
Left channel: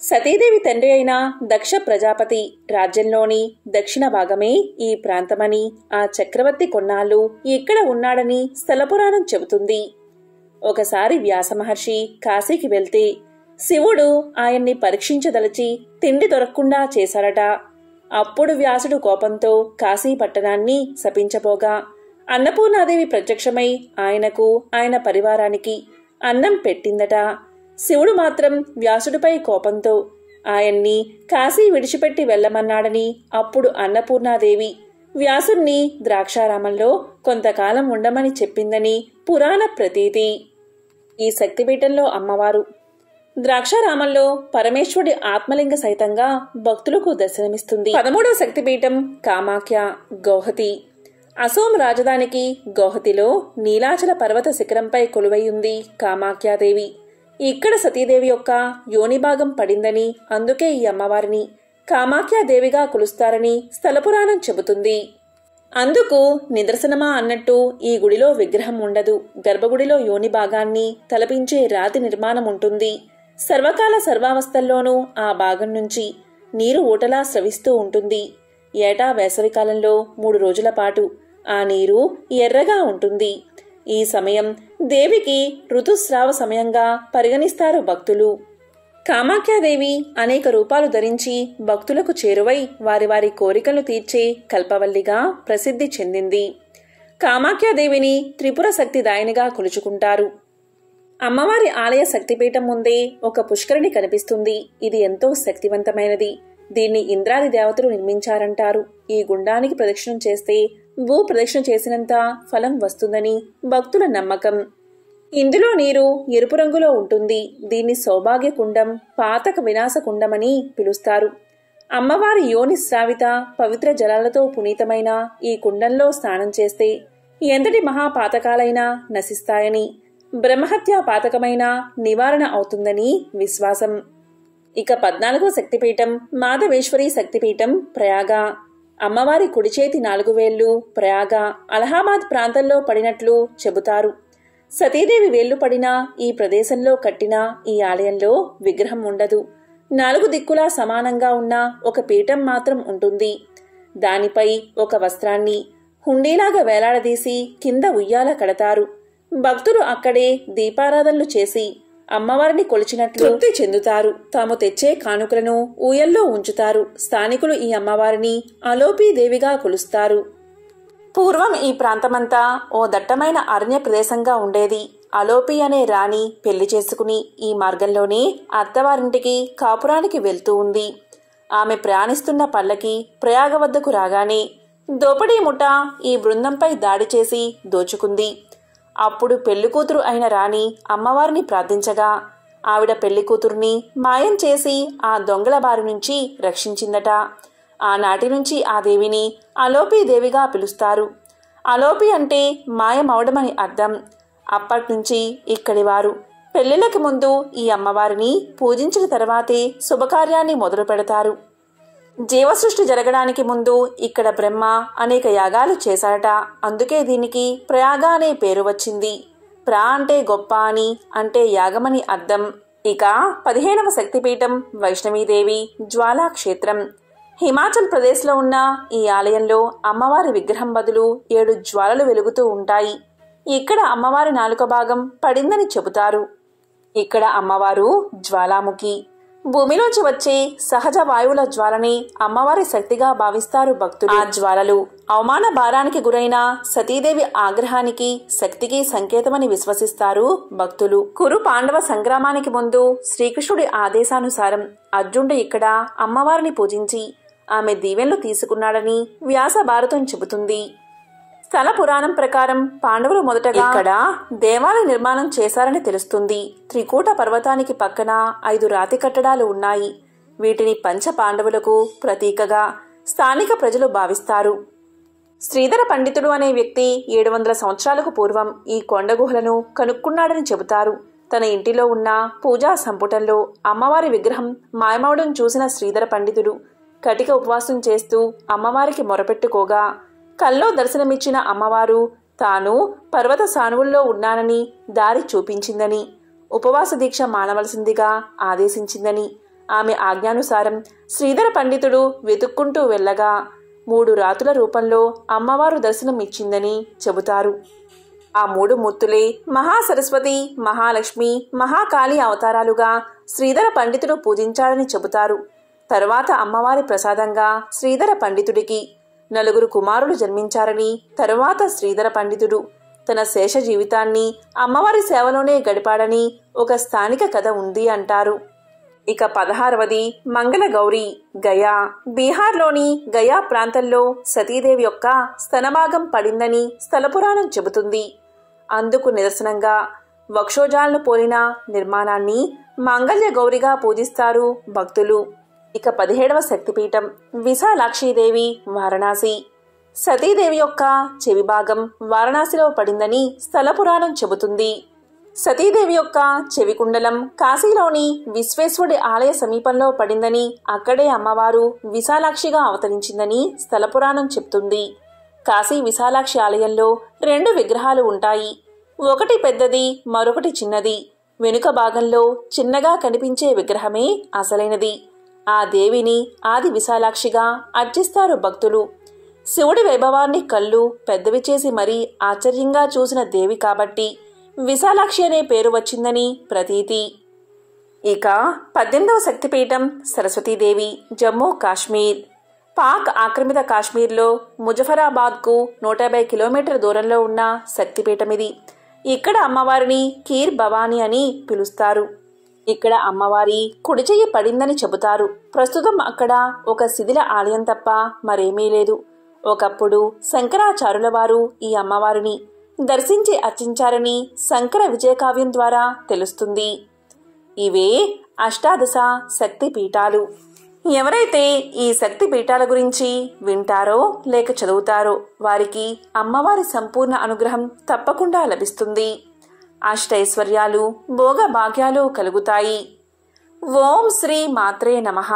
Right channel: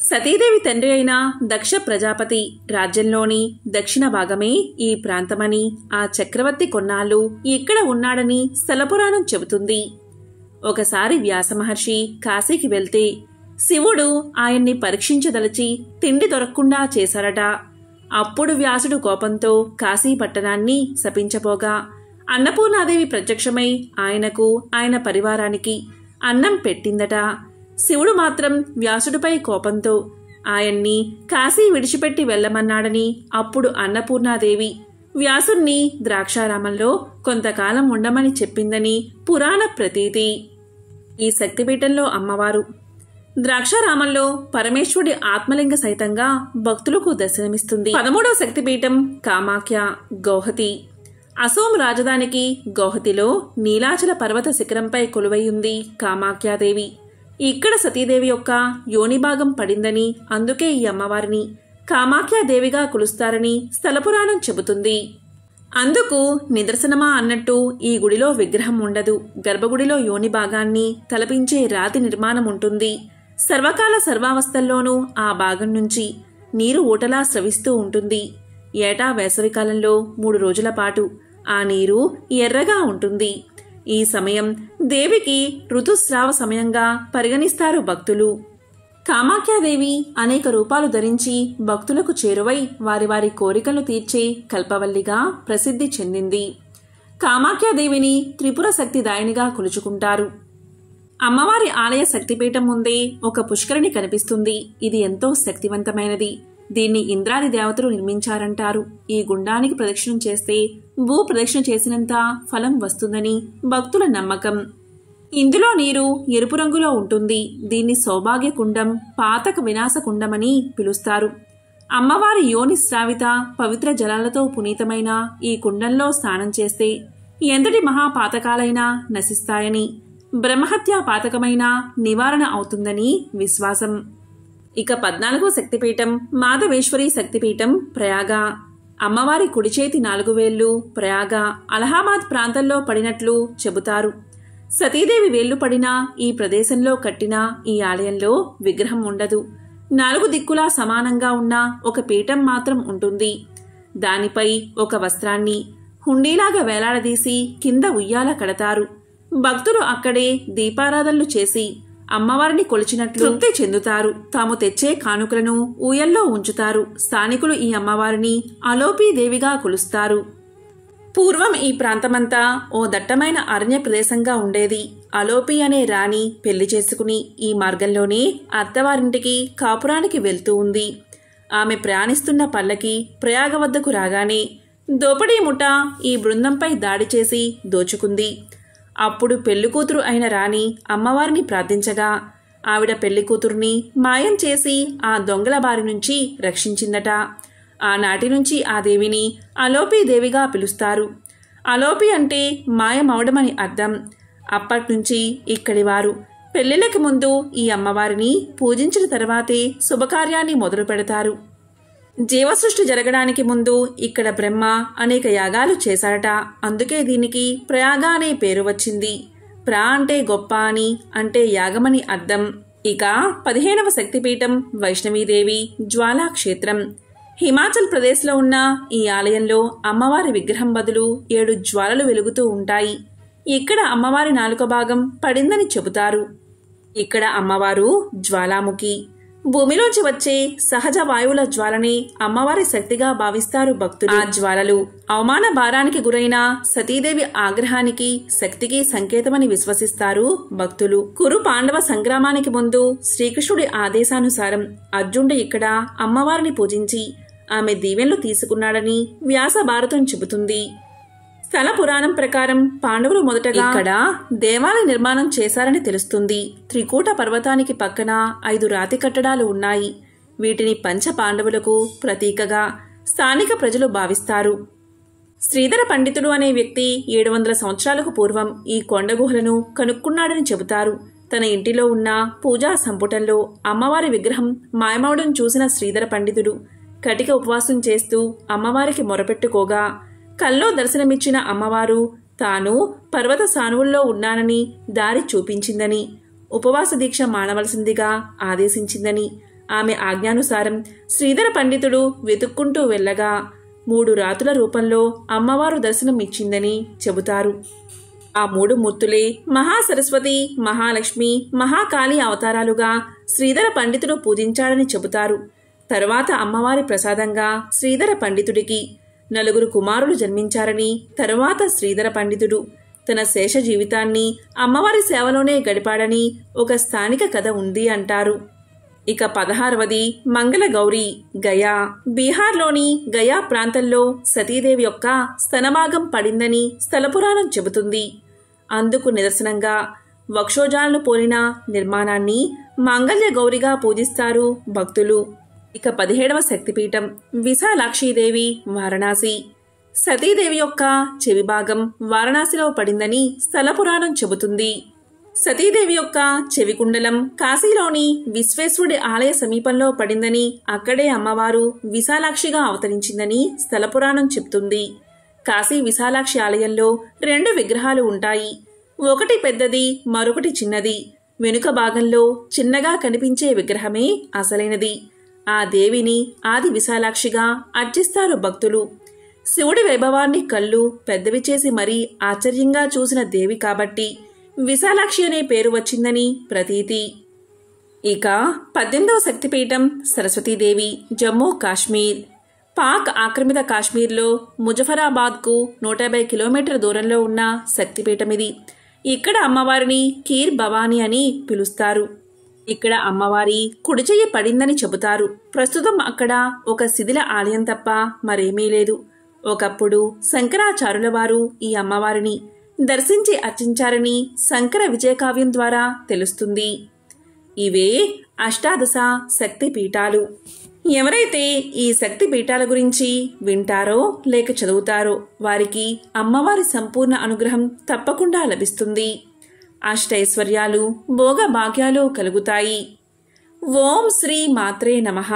సతీదేవి తండ్రి అయిన దక్ష ప్రజాపతి రాజ్యంలోని దక్షిణ భాగమే ఈ ప్రాంతమని, ఆ చక్రవర్తి కొన్నాళ్లు ఇక్కడ ఉన్నాడని స్థలపురాణం చెబుతుంది. ఒకసారి వ్యాసమహర్షి కాశీకి వెళ్తే శివుడు ఆయన్ని పరీక్షించదలచి తిండి దొరకకుండా చేశారట. అప్పుడు వ్యాసుడు కోపంతో కాశీ పట్టణాన్ని శపించబోగా అన్నపూర్ణాదేవి ప్రత్యక్షమై ఆయనకు, ఆయన పరివారానికి అన్నం పెట్టిందట. శివుడు మాత్రం వ్యాసుడిపై కోపంతో ఆయన్ని కాశీ విడిచిపెట్టి వెళ్లమన్నాడని, అప్పుడు అన్నపూర్ణాదేవి వ్యాసుణ్ణి ద్రాక్షారామంలో కొంతకాలం ఉండమని చెప్పిందని పురాణ ప్రతీతి. ఈ శక్తిపీఠంలో అమ్మవారు ద్రాక్షారామంలో పరమేశ్వరుడి ఆత్మలింగ సహితంగా భక్తులకు దర్శనమిస్తుంది. 13వ శక్తిపీఠం కామాఖ్య గౌహతి. అసోం రాజధానికి గౌహతిలో నీలాచల పర్వత శిఖరంపై కొలువైయుంది కామాఖ్యాదేవి. ఇక్కడ సతీదేవి యొక్క యోనిభాగం పడిందని, అందుకే ఈ అమ్మవారిని కామాఖ్యాదేవిగా కొలుస్తారని స్థలపురాణం చెబుతుంది. అందుకు నిదర్శనమా అన్నట్టు ఈ గుడిలో విగ్రహం ఉండదు. గర్భగుడిలో యోని భాగాన్ని తలపించే రాతి నిర్మాణం ఉంటుంది. సర్వకాల సర్వావస్థల్లోనూ ఆ భాగం నుంచి నీరు ఊటలా స్రవిస్తూ ఉంటుంది. ఏటా వేసవికాలంలో 3 రోజుల పాటు ఆ నీరు ఎర్రగా ఉంటుంది. ఈ సమయం దేవికి ఋతుస్రావ సమయంగా పరిగణిస్తారు భక్తులు. కామాఖ్యాదేవి అనేక రూపాలు ధరించి భక్తులకు చేరువై వారి వారి కోరికలను తీర్చే కల్పవల్లిగా ప్రసిద్ధి చెందింది. కామాఖ్యాదేవిని త్రిపుర శక్తిదాయినిగా కొలుచుకుంటారు. అమ్మవారి ఆలయ శక్తిపీఠం ముందే ఒక పుష్కరిణి కనిపిస్తుంది. ఇది ఎంతో శక్తివంతమైనది. దీన్ని ఇంద్రాది దేవతలు నిర్మించారంటారు. ఈ గుండానికి ప్రదక్షిణం చేస్తే భూ ప్రదక్షిణ చేసినంత ఫలం వస్తుందని భక్తుల నమ్మకం. ఇందులో నీరు ఎరుపు రంగులో ఉంటుంది. దీన్ని సౌభాగ్య కుండం, పాతక వినాశ కుండమని పిలుస్తారు. అమ్మవారి యోని శ్రావిత పవిత్ర జలాలతో పునీతమైన ఈ కుండంలో స్నానం చేస్తే ఎంతటి మహాపాతకాలైనా నశిస్తాయని, బ్రహ్మహత్యా పాతకమైన నివారణ అవుతుందని విశ్వాసం. ఇక 14వ శక్తిపీఠం మాధవేశ్వరి శక్తిపీఠం ప్రయాగ. అమ్మవారి కుడిచేతి 4 వేళ్లు ప్రయాగ అలహాబాద్ ప్రాంతంలో పడినట్లు చెబుతారు. సతీదేవి వేళ్లు పడిన ఈ ప్రదేశంలో కట్టిన ఈ ఆలయంలో విగ్రహం ఉండదు. 4 దిక్కులా సమానంగా ఉన్న ఒక పీఠం మాత్రం ఉంటుంది. దానిపై ఒక వస్త్రాన్ని హుండీలాగా వేలాడదీసి కింద ఉయ్యాల కడతారు. భక్తులు అక్కడే దీపారాధనలు చేసి అమ్మవారిని కొలిచినట్లు తృప్తి చెందుతారు. తాము తెచ్చే కానుకలను ఊయల్లో ఉంచుతారు. స్థానికులు ఈ అమ్మవారిని అలోపీదేవిగా కొలుస్తారు. పూర్వం ఈ ప్రాంతమంతా ఓ దట్టమైన అరణ్య ప్రదేశంగా ఉండేది. అలోపి అనే రాణి పెళ్లి చేసుకుని ఈ మార్గంలోనే అత్తవారింటికి కాపురానికి వెళ్తూ ఉంది. ఆమె ప్రయాణిస్తున్న పల్లకి ప్రయాగ వద్దకు రాగానే దోపిడీ ముఠ ఈ బృందంపై దాడి చేసి దోచుకుంది. అప్పుడు పెళ్లికూతురు అయిన రాణి అమ్మవారిని ప్రార్థించగా ఆవిడ పెళ్లికూతుర్ని మాయం చేసి ఆ దొంగల బారి నుంచి రక్షించిందట. ఆనాటి నుంచి ఆ దేవిని అలోపీదేవిగా పిలుస్తారు. అలోపి అంటే మాయమవడమని అర్థం. అప్పట్నుంచి ఇక్కడివారు పెళ్లిళ్ళకి ముందు ఈ అమ్మవారిని పూజించిన తర్వాతే శుభకార్యాన్ని మొదలు పెడతారు. జీవసృష్టి జరగడానికి ముందు ఇక్కడ బ్రహ్మ అనేక యాగాలు చేశాడట. అందుకే దీనికి ప్రయాగ అనే పేరు వచ్చింది. ప్ర అంటే గొప్ప అని, అంటే యాగమని అర్థం. ఇక 15వ శక్తిపీఠం వైష్ణవీదేవి జ్వాలా క్షేత్రం. హిమాచల్ ప్రదేశ్లో ఉన్న ఈ ఆలయంలో అమ్మవారి విగ్రహం బదులు 7 జ్వాలలు వెలుగుతూ ఉంటాయి. ఇక్కడ అమ్మవారి నాలుక భాగం పడిందని చెబుతారు. ఇక్కడ అమ్మవారు జ్వాలాముఖి. భూమిలోంచి వచ్చే సహజ వాయువుల జ్వాలని అమ్మవారి శక్తిగా భావిస్తారు భక్తులు. ఆ జ్వాలలు అవమాన భారానికి గురైన సతీదేవి ఆగ్రహానికి, శక్తికి సంకేతమని విశ్వసిస్తారు భక్తులు. కురు పాండవ సంగ్రామానికి ముందు శ్రీకృష్ణుడి ఆదేశానుసారం అర్జునుడు ఇక్కడ అమ్మవారిని పూజించి ఆమె దీవెనలు తీసుకున్నాడని వ్యాస భారతం చెబుతుంది. స్థల పురాణం ప్రకారం పాండవులు మొదటగా ఇక్కడ దేవాలయ నిర్మాణం చేశారని తెలుస్తుంది. త్రికూట పర్వతానికి పక్కన 5 రాతి కట్టడాలు ఉన్నాయి. వీటిని పంచ పాండవులకు ప్రతీకగా స్థానిక ప్రజలు భావిస్తారు. శ్రీధర పండితుడు అనే వ్యక్తి 700 సంవత్సరాలకు పూర్వం ఈ కొండ గుహలను కనుక్కున్నాడని చెబుతారు. తన ఇంటిలో ఉన్న పూజా సంపుటంలో అమ్మవారి విగ్రహం మాయమవడం చూసిన శ్రీధర పండితుడు కటిక ఉపవాసం చేస్తూ అమ్మవారికి మొరపెట్టుకోగా కల్లో దర్శనమిచ్చిన అమ్మవారు తాను పర్వత సానువుల్లో ఉన్నానని దారి చూపించిందని, ఉపవాస దీక్ష మానవలసిందిగా ఆదేశించిందని, ఆమె ఆజ్ఞానుసారం శ్రీధర పండితుడు వెతుక్కుంటూ వెళ్ళగా 3 రాతుల రూపంలో అమ్మవారు దర్శనం ఇచ్చిందని చెబుతారు. ఆ 3 మూర్తులే మహాసరస్వతి, మహాలక్ష్మి, మహాకాళి అవతారాలుగా శ్రీధర పండితుడు పూజించాడని చెబుతారు. తరువాత అమ్మవారి ప్రసాదంగా శ్రీధర పండితుడికి 4 కుమారులు జన్మించారని, తరువాత శ్రీధర పండితుడు తన శేష జీవితాన్ని అమ్మవారి సేవలోనే గడిపాడని ఒక స్థానిక కథ ఉంది అంటారు. ఇక 16వది మంగళగౌరి. గయా, బీహార్లోని గయా ప్రాంతంలో సతీదేవి యొక్క స్తనభాగం పడిందని స్థలపురాణం చెబుతుంది. అందుకు నిదర్శనంగా వక్షోజాలను పోలిన నిర్మాణాన్ని మాంగళ్య గౌరిగా పూజిస్తారు భక్తులు. ఇక 17వ శక్తిపీఠం విశాలాక్షీదేవి, వారణాసి. సతీదేవి యొక్క చెవి భాగం వారణాసిలో పడిందని స్థలపురాణం చెబుతుంది. సతీదేవి యొక్క చెవి కుండలం కాశీలోని విశ్వేశ్వరుడి ఆలయ సమీపంలో పడిందని, అక్కడే అమ్మవారు విశాలాక్షిగా అవతరించిందని స్థలపురాణం చెప్తుంది. కాశీ విశాలాక్షి ఆలయంలో 2 విగ్రహాలు ఉంటాయి. ఒకటి పెద్దది, మరొకటి చిన్నది. వెనుక భాగంలో చిన్నగా కనిపించే విగ్రహమే అసలైనది. ఆ దేవిని ఆది విశాలాక్షిగా అర్చిస్తారు భక్తులు. శివుడి వైభవాన్ని కళ్ళు పెద్దవి చేసి మరీ ఆశ్చర్యంగా చూసిన దేవి కాబట్టి విశాలాక్షి అనే పేరు వచ్చిందని ప్రతీతి. ఇక 18వ శక్తిపీఠం సరస్వతీదేవి, జమ్మూ కాశ్మీర్. పాక్ ఆక్రమిత కాశ్మీర్లో ముజఫరాబాద్కు 150 కిలోమీటర్ల దూరంలో ఉన్న శక్తిపీఠం ఇది. ఇక్కడ అమ్మవారిని కీర్ భవానీ అని పిలుస్తారు. ఇక్కడ అమ్మవారి కుడి చెయ్యి పడిందని చెబుతారు. ప్రస్తుతం అక్కడ ఒక శిథిల ఆలయం తప్ప మరేమీ లేదు. ఒకప్పుడు శంకరాచార్యుల వారు ఈ అమ్మవారిని దర్శించి అర్చించారని శంకర విజయకావ్యం ద్వారా తెలుస్తుంది. ఇవే అష్టాదశ శక్తి పీఠాలు. ఎవరైతే ఈ శక్తి పీఠాల గురించి వింటారో లేక చదువుతారో వారికి అమ్మవారి సంపూర్ణ అనుగ్రహం తప్పకుండా లభిస్తుంది. అష్టైశ్వర్యాలు, భోగ భాగ్యాలు కలుగుతాయి. ఓం శ్రీ మాత్రే నమః.